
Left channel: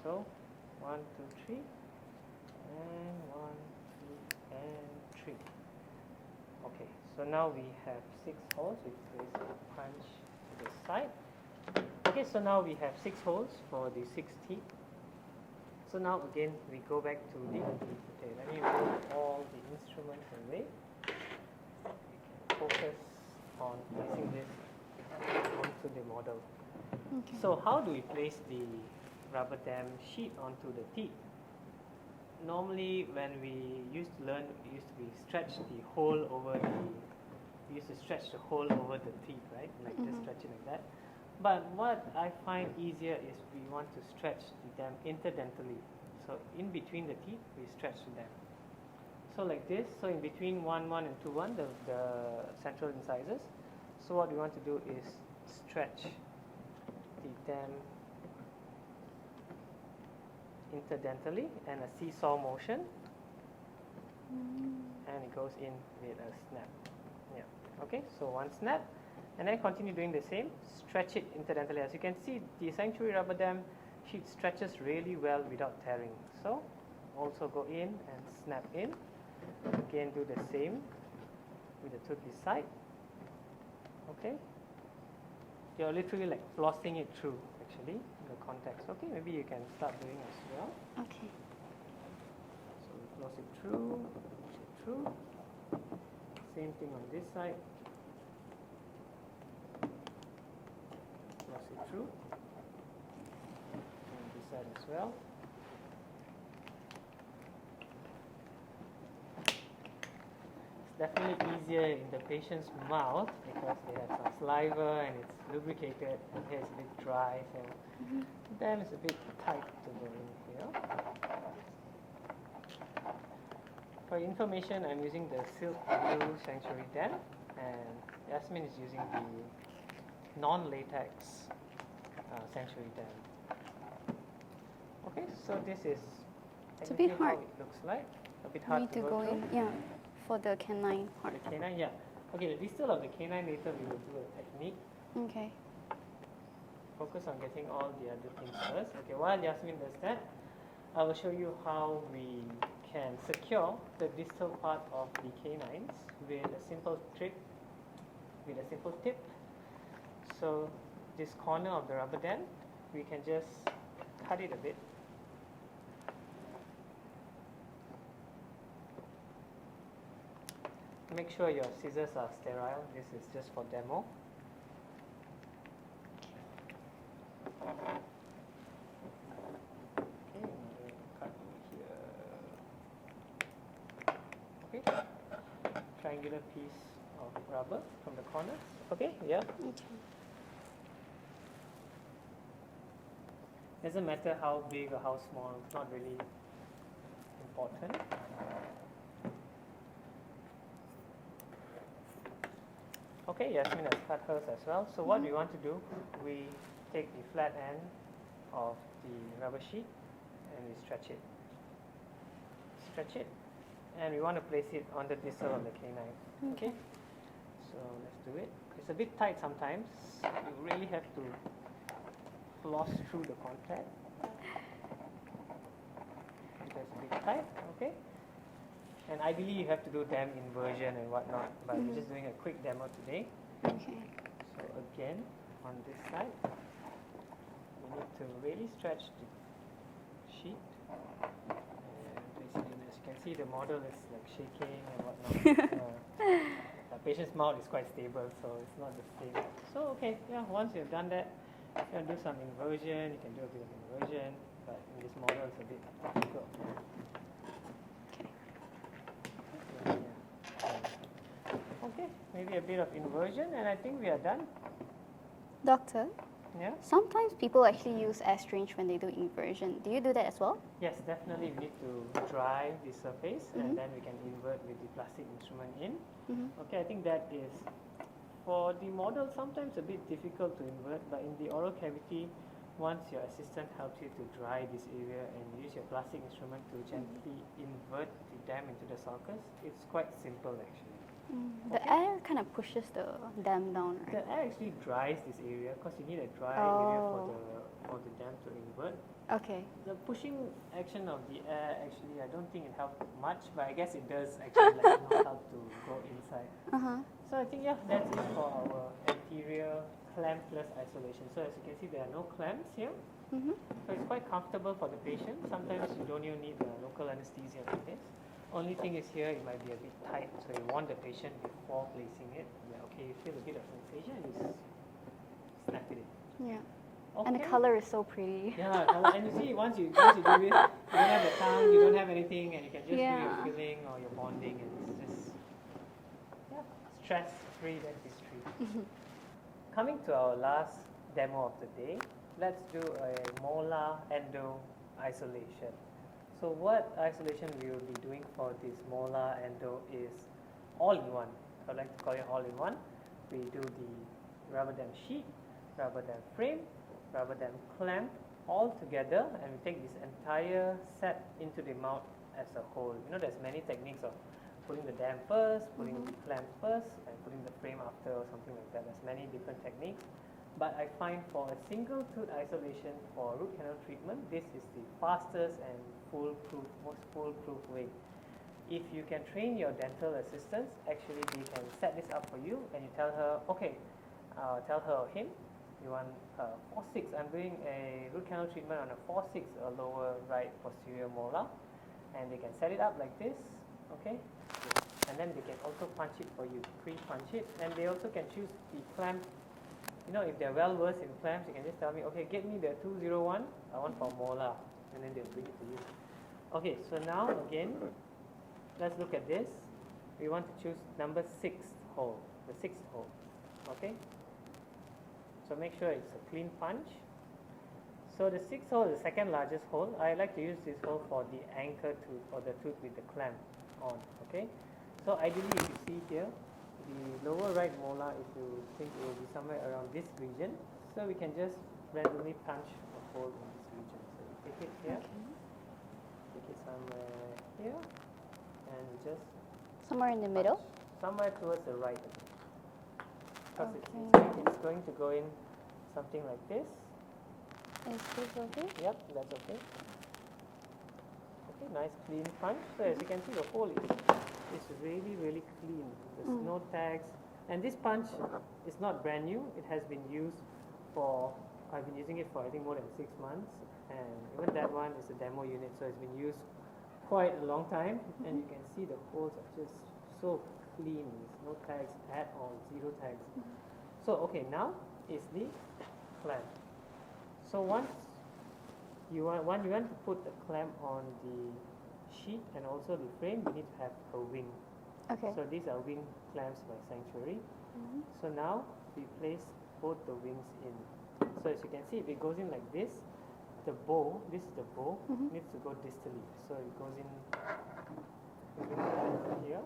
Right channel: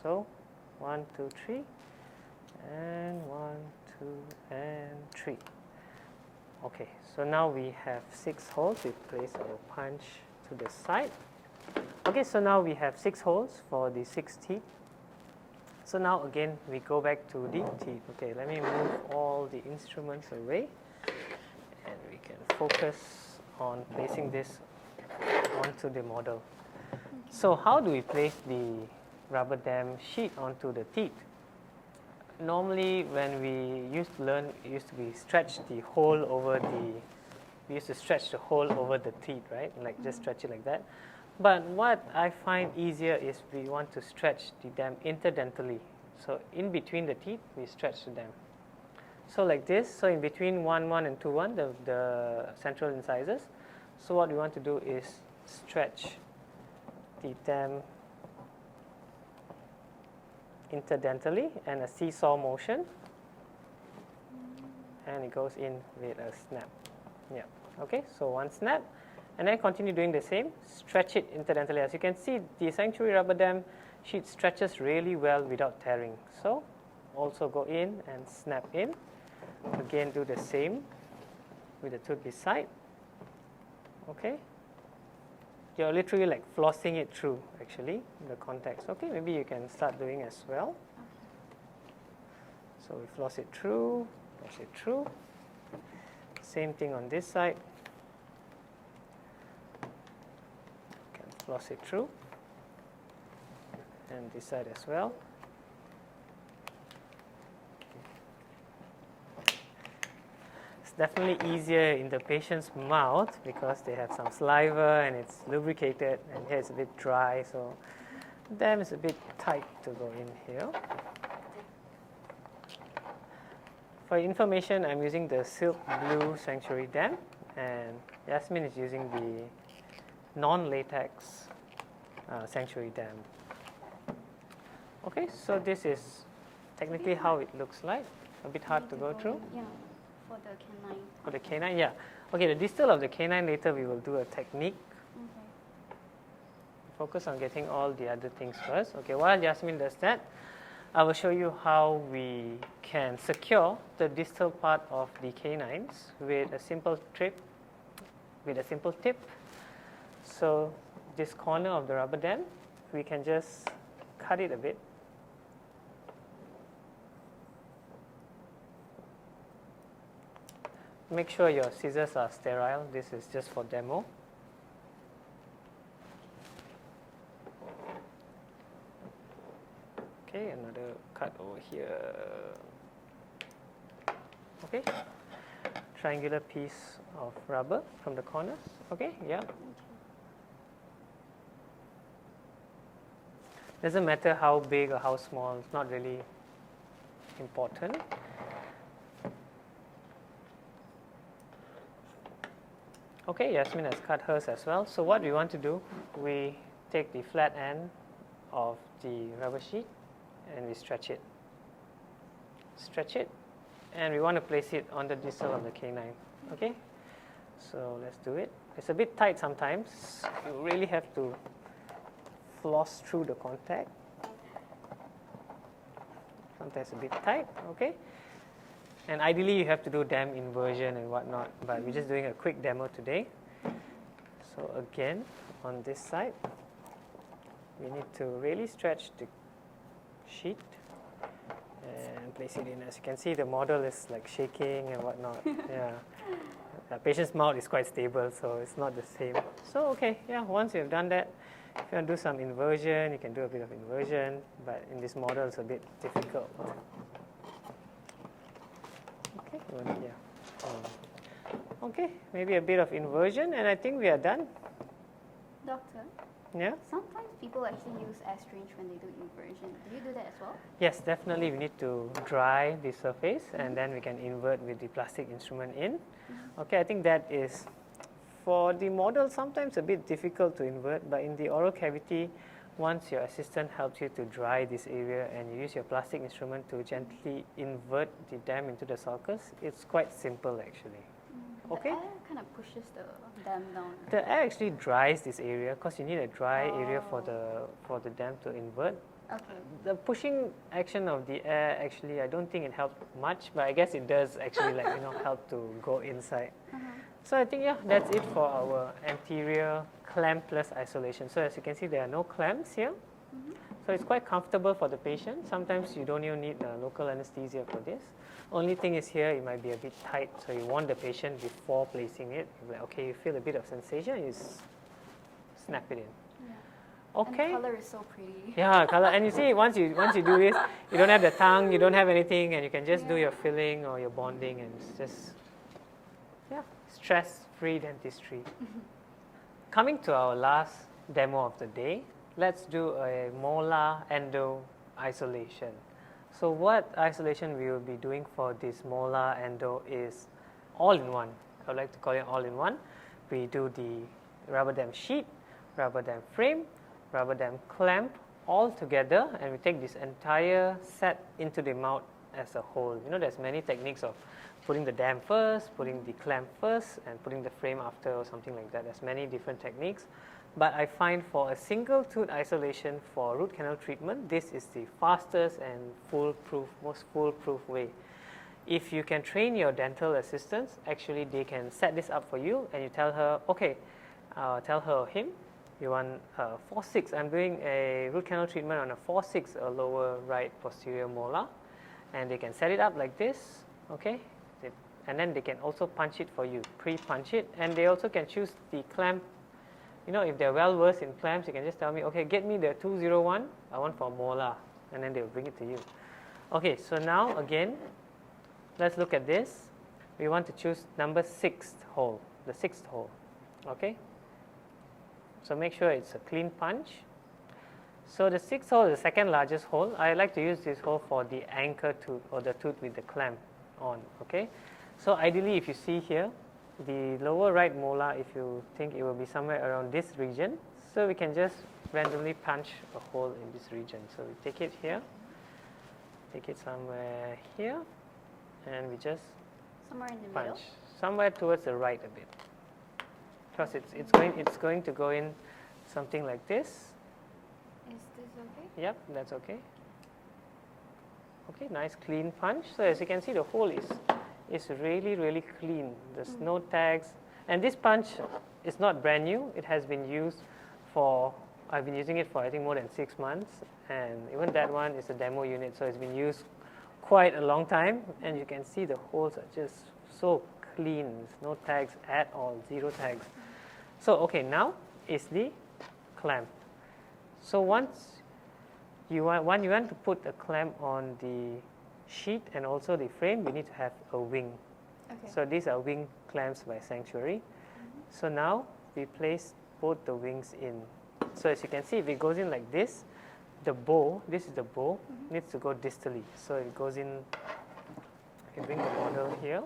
So 1, 2, 3, and 1, 2, and 3. Okay, so now we have 6 holes. We place our punch to the side. Okay, so now we have 6 holes for the 6 teeth. So now again we go back to the teeth. Okay, let me move all the instruments away, and we can focus on placing this onto the model. Okay. So how do we place the rubber dam sheet onto the teeth? Normally when we used to learn, it used to be stretch the hole over the, we used to stretch the hole over the teeth, right? Like just stretch it like that. But what I find easier is we want to stretch the dam interdentally. So in between the teeth, we stretch the dam. So like this, so in between 1, 1 and 2, 1, the central incisors. So what we want to do is stretch the dam interdentally and a seesaw motion, and it goes in with a snap. Yeah. Okay, so 1 snap, and then continue doing the same. Stretch it interdentally. As you can see, the sanctuary rubber dam sheet stretches really well without tearing. So also go in and snap in. Again, do the same with the tooth beside. Okay. You're literally like flossing it through, actually, the contacts. Okay, maybe you can start doing as well. Okay. So we floss it through, floss it through. Same thing on this side. Floss it through. And this side as well. It's definitely easier in the patient's mouth because they have some saliva and it's lubricated, and here it's a bit dry, so dam is a bit tight to go in here. For information, I'm using the silk blue sanctuary dam, and Yasmin is using the non-latex sanctuary dam. Okay, so this is technically how it looks like. A bit hard to go through. Yeah, for the canine. For the canine, yeah. Okay, the distal of the canine, later we will do a technique. Okay. Focus on getting all the other things first. Okay, while Yasmin does that, I will show you how we can secure the distal part of the canines with a simple tip. So this corner of the rubber dam, we can just cut it a bit. Make sure your scissors are sterile. This is just for demo. Okay, another cut over here. Okay, triangular piece of rubber from the corners. Okay, yeah. Okay. Doesn't matter how big or how small, it's not really important. Okay, Yasmin has cut hers as well. So what we want to do, we take the flat end of the rubber sheet and we stretch it. Stretch it, and we want to place it on the distal of the canine. Okay, so let's do it. It's a bit tight sometimes. You really have to floss through the contact. Sometimes a bit tight. Okay. And ideally, you have to do dam inversion and whatnot, but we're just doing a quick demo today. So again, on this side, we need to really stretch the sheet and place it in. As you can see, the model is like shaking and whatnot. Yeah. The patient's mouth is quite stable, so it's not the same. So okay, yeah, once you've done that, if you want to do some inversion, you can do a bit of inversion, but in this model it's a bit difficult. Okay, well, yeah. Okay, maybe a bit of inversion, and I think we are done. Doctor, Yeah? sometimes people actually use astringe when they do inversion. Do you do that as well? Yes, definitely we need to dry the surface and then we can invert with the plastic instrument in. Okay, I think that is, for the model, sometimes a bit difficult to invert, but in the oral cavity, once your assistant helps you to dry this area and you use your plastic instrument to gently invert the dam into the sulcus, it's quite simple actually. The air kind of pushes the dam down. The air actually dries this area because you need a dry area for the dam to invert. Okay. The pushing action of the air, actually, I don't think it helped much, but I guess it does actually help to go inside. So I think, yeah, that's it for our anterior clampless isolation. So as you can see, there are no clamps here. So it's quite comfortable for the patient. Sometimes you don't even need local anesthesia for this. Only thing is here, it might be a bit tight, so you want the patient before placing it. Like, okay, you feel a bit of sensation, you snap it in. Yeah. Okay. And the color is so pretty. Yeah, color. And you see, once you do this, you don't have the tongue, you don't have anything, and you can just do your filling or your bonding, and it's just stress-free dentistry. Coming to our last demo of the day, let's do a molar endo isolation. So what isolation we will be doing for this molar endo is all-in-one. I would like to call it all-in-one. We do the rubber dam sheet, rubber dam frame, rubber dam clamp all together, and we take this entire set into the mouth as a whole. You know, there's many techniques of putting the dam first, putting the clamp first, and putting the frame after or something like that. There's many different techniques. But I find for a single tooth isolation for root canal treatment, this is the fastest and most foolproof way. If you can train your dental assistants, actually they can set this up for you, and you tell her, okay, tell her or him, you want 4/6. I'm doing a root canal treatment on a 4/6 lower right posterior molar, and they can set it up like this, okay? And then they can also punch it for you, pre-punch it, and they also can choose the clamp. You know, if they're well versed in clamps, you can just tell me, okay, get me the 201, I want for molar, and then they'll bring it to you. Okay, so now again, let's look at this. We want to choose number 6th hole, the 6th hole, okay? So make sure it's a clean punch. So the 6th hole is the second largest hole. I like to use this hole for the anchor tooth or the tooth with the clamp on, okay? So ideally, if you see here, the lower right molar, if you think it will be somewhere around this region, so we can just randomly punch a hole in this region. So we take it here, take it somewhere here, and we just somewhere in the middle, somewhere towards the right a bit, because it's going to go in something like this. Is this okay? Yep, that's okay. Okay, nice clean punch. So as you can see, the hole is really, really clean. There's no tags. And this punch is not brand new. It has been used for, I've been using it for I think more than 6 months. And even that one is a demo unit, so it's been used quite a long time. And you can see the holes are just so clean. There's no tags at all, 0 tags. So okay, now is the clamp. So once you want to put a clamp on the sheet and also the frame, we need to have a wing. Okay. So these are wing clamps by Sanctuary. So now we place both the wings in. So as you can see, if it goes in like this, the bow, this is the bow, needs to go distally. So it goes in, if you bring the model here,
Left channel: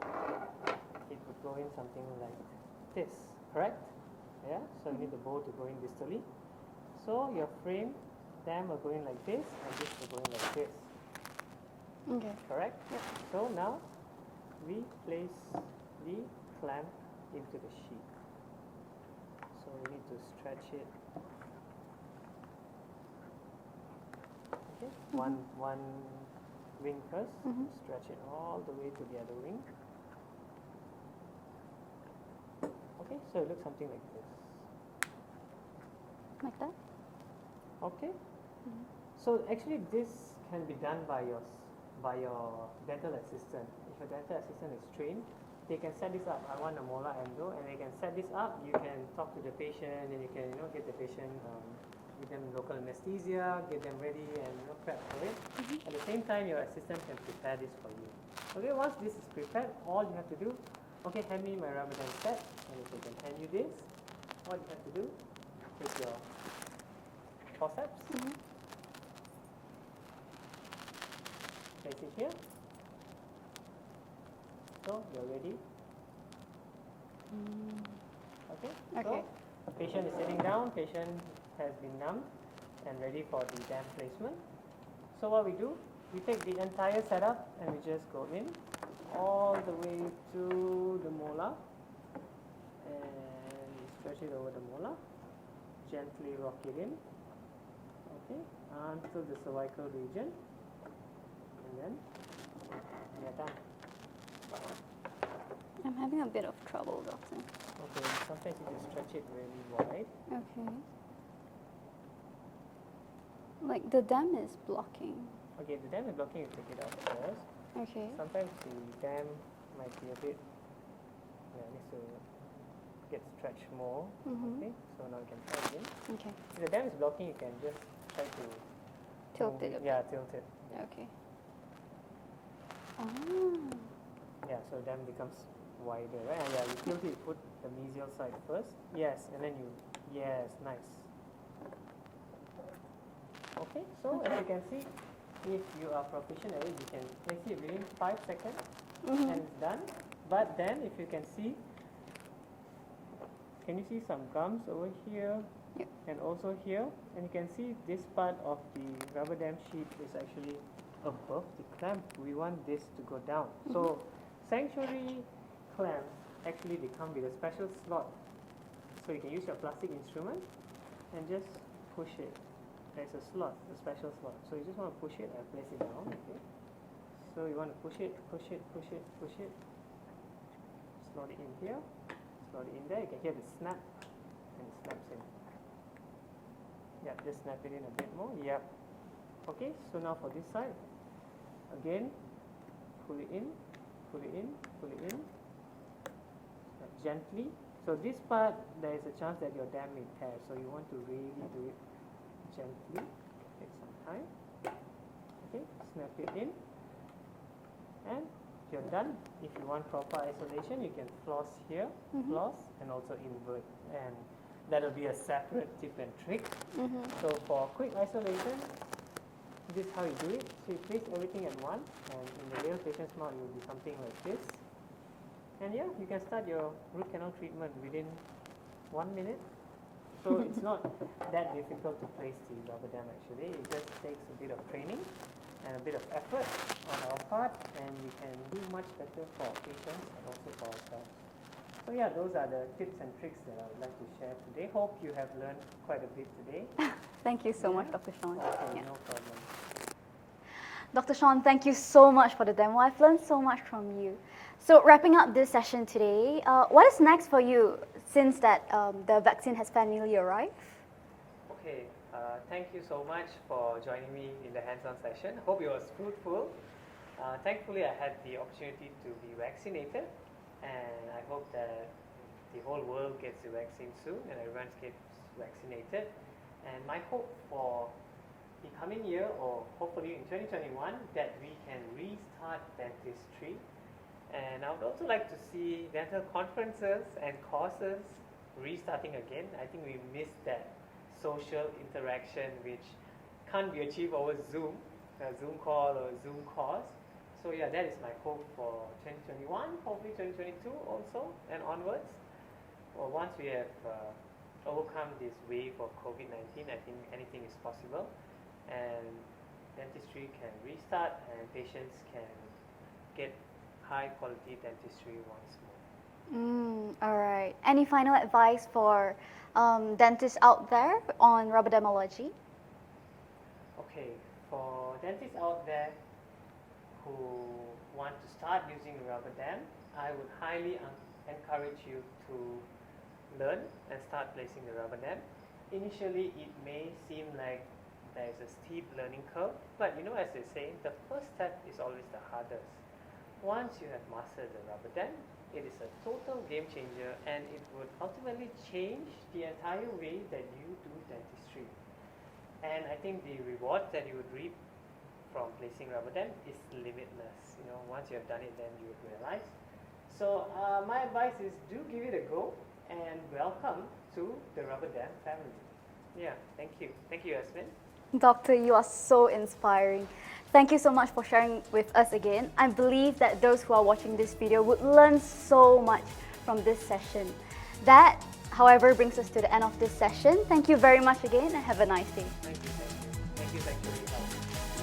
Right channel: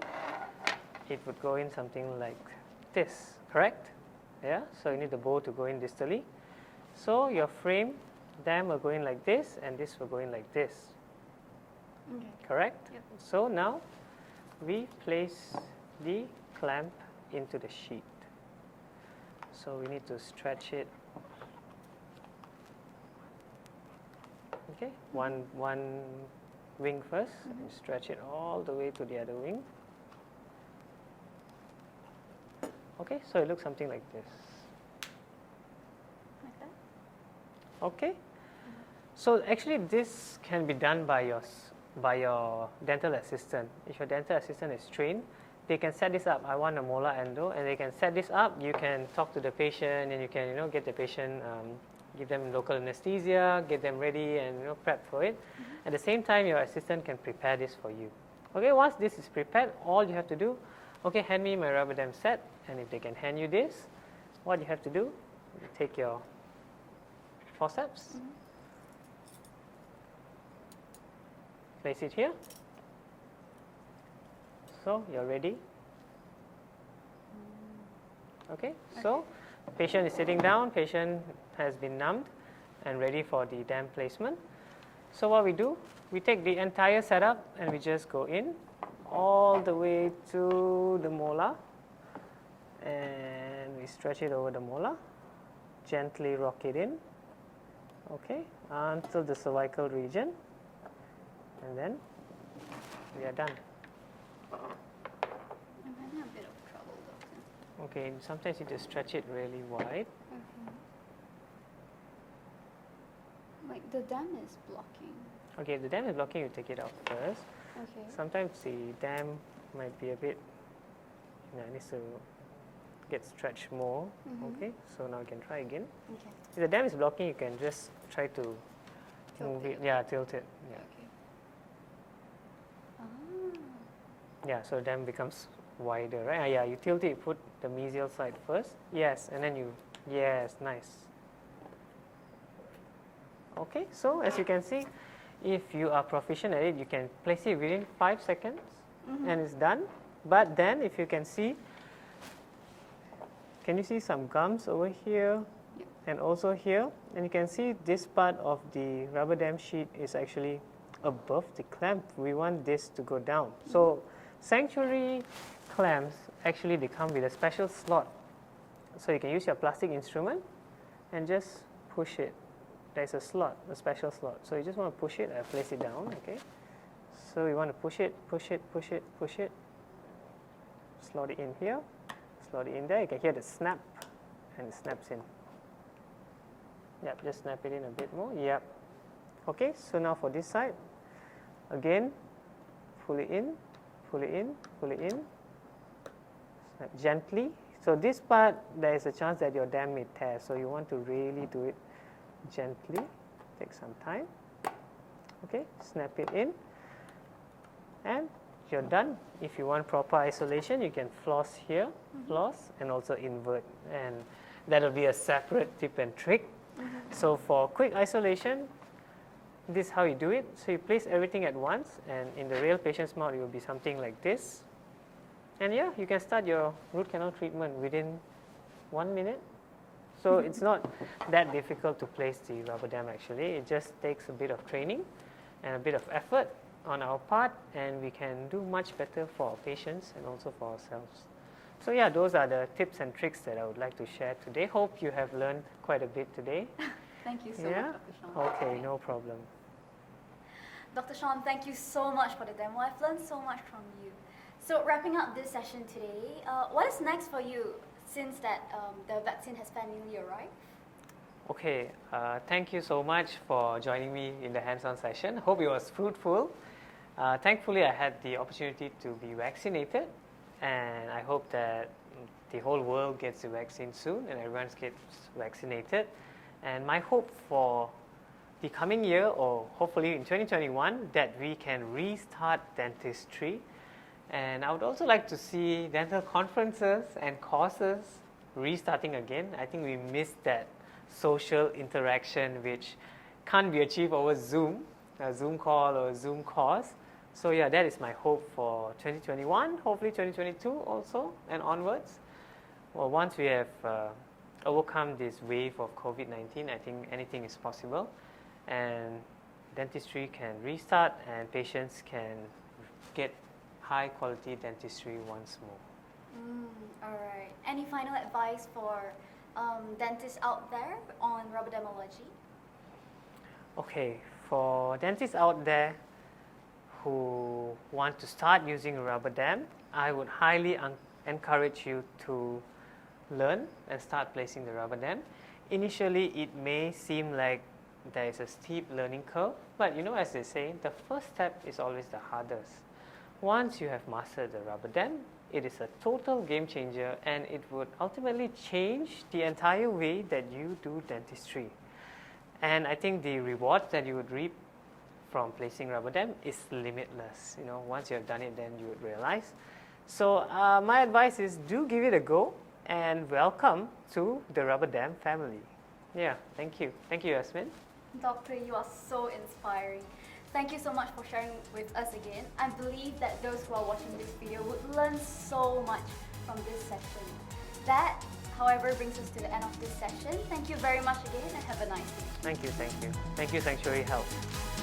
it would go in something like this, correct? Yeah, so you need the bow to go in distally. So your frame dam will go in like this, and this will go in like this. Okay. Correct? Yep. So now we place the clamp into the sheet. So we need to stretch it. Okay, one wing first. Stretch it all the way to the other wing. Okay, so it looks something like this. Like that? Okay. So actually this can be done by your dental assistant. If your dental assistant is trained, they can set this up. I want a molar endo, and they can set this up. You can talk to the patient, and you can get the patient, give them local anesthesia, get them ready, and prep for it. At the same time, your assistant can prepare this for you. Okay, once this is prepared, all you have to do, okay, hand me my rubber dam set, and if they can hand you this, what you have to do, take your forceps, place it here. So you're ready. Okay, so patient is sitting down, patient has been numbed and ready for the dam placement. So what we do, we take the entire setup and we just go in all the way to the molar, and we stretch it over the molar, gently rock it in, okay, until the cervical region, and then we are done. I'm having a bit of trouble, doctor. Okay, sometimes you just stretch it really wide. Okay. Like the dam is blocking. Okay, if the dam is blocking, you take it out first. Okay. Sometimes the dam might be a bit, needs to get stretched more. Okay, so now you can try again. Okay. If the dam is blocking, you can just try to Tilt move it. Yeah, tilt it. Yeah. Okay. Oh. Yeah, so the dam becomes wider, right? Yeah, you tilt it, put the mesial side first. Yes, and then yes, nice. Okay, so as you can see, if you are proficient at it, you can place it within 5 seconds and it's done. But then if you can see, can you see some gums over here and also here? And you can see this part of the rubber dam sheet is actually above the clamp. We want this to go down. So sanctuary clamps, actually they come with a special slot. So you can use your plastic instrument and just push it. There's a slot, a special slot. So you just want to push it and place it down, okay? So you want to push it, push it, push it, push it. Slot it in here, slot it in there. You can hear the snap, and it snaps in. Yep, just snap it in a bit more. Yep. Okay, so now for this side, again, pull it in, pull it in, pull it in. Snap gently. So this part, there is a chance that your dam may tear. So you want to really do it gently, take some time. Okay, snap it in, and you're done. If you want proper isolation, you can floss here, floss, and also invert, and that will be a separate tip and trick. So for quick isolation, this is how you do it. So you place everything at once, and in the real patient's mouth, it will be something like this. And yeah, you can start your root canal treatment within 1 minute. So it's not that difficult to place the rubber dam actually. It just takes a bit of training and a bit of effort on our part, and we can do much better for our patients and also for ourselves. So yeah, those are the tips and tricks that I would like to share today. Hope you have learned quite a bit today. Thank you so much, Dr. Shawn. Okay, no problem. Dr. Shawn, thank you so much for the demo. I've learned so much from you. So wrapping up this session today, what is next for you since that the vaccine has finally arrived? Okay, thank you so much for joining me in the hands-on session. Hope it was fruitful. Thankfully, I had the opportunity to be vaccinated, and I hope that the whole world gets the vaccine soon and everyone gets vaccinated. And my hope for the coming year, or hopefully in 2021, that we can restart dentistry. And I would also like to see dental conferences and courses restarting again. I think we missed that social interaction which can't be achieved over Zoom, a Zoom call or a Zoom course. So yeah, that is my hope for 2021, hopefully 2022 also and onwards. Well, once we have overcome this wave of COVID-19, I think anything is possible, and dentistry can restart and patients can get high quality dentistry once more. All right. Any final advice for dentists out there on Rubberdamology? Okay, for dentists out there who want to start using a rubber dam, I would highly encourage you to learn and start placing the rubber dam, initially it may seem like there is a steep learning curve, but as they say, the first step is always the hardest. Once you have mastered the rubber dam, it is a total game changer, and it would ultimately change the entire way that you do dentistry. And I think the rewards that you would reap from placing rubber dam is limitless. Once you have done it, then you would realize. So my advice is, do give it a go, and welcome to the rubber dam family. Yeah, thank you. Thank you, Yasmin. Doctor, you are so inspiring. Thank you so much for sharing with us again. I believe that those who are watching this video would learn so much from this session. That, however, brings us to the end of this session. Thank you very much again, and have a nice day. Thank you, thank you. Thank you, Sanctuary Health.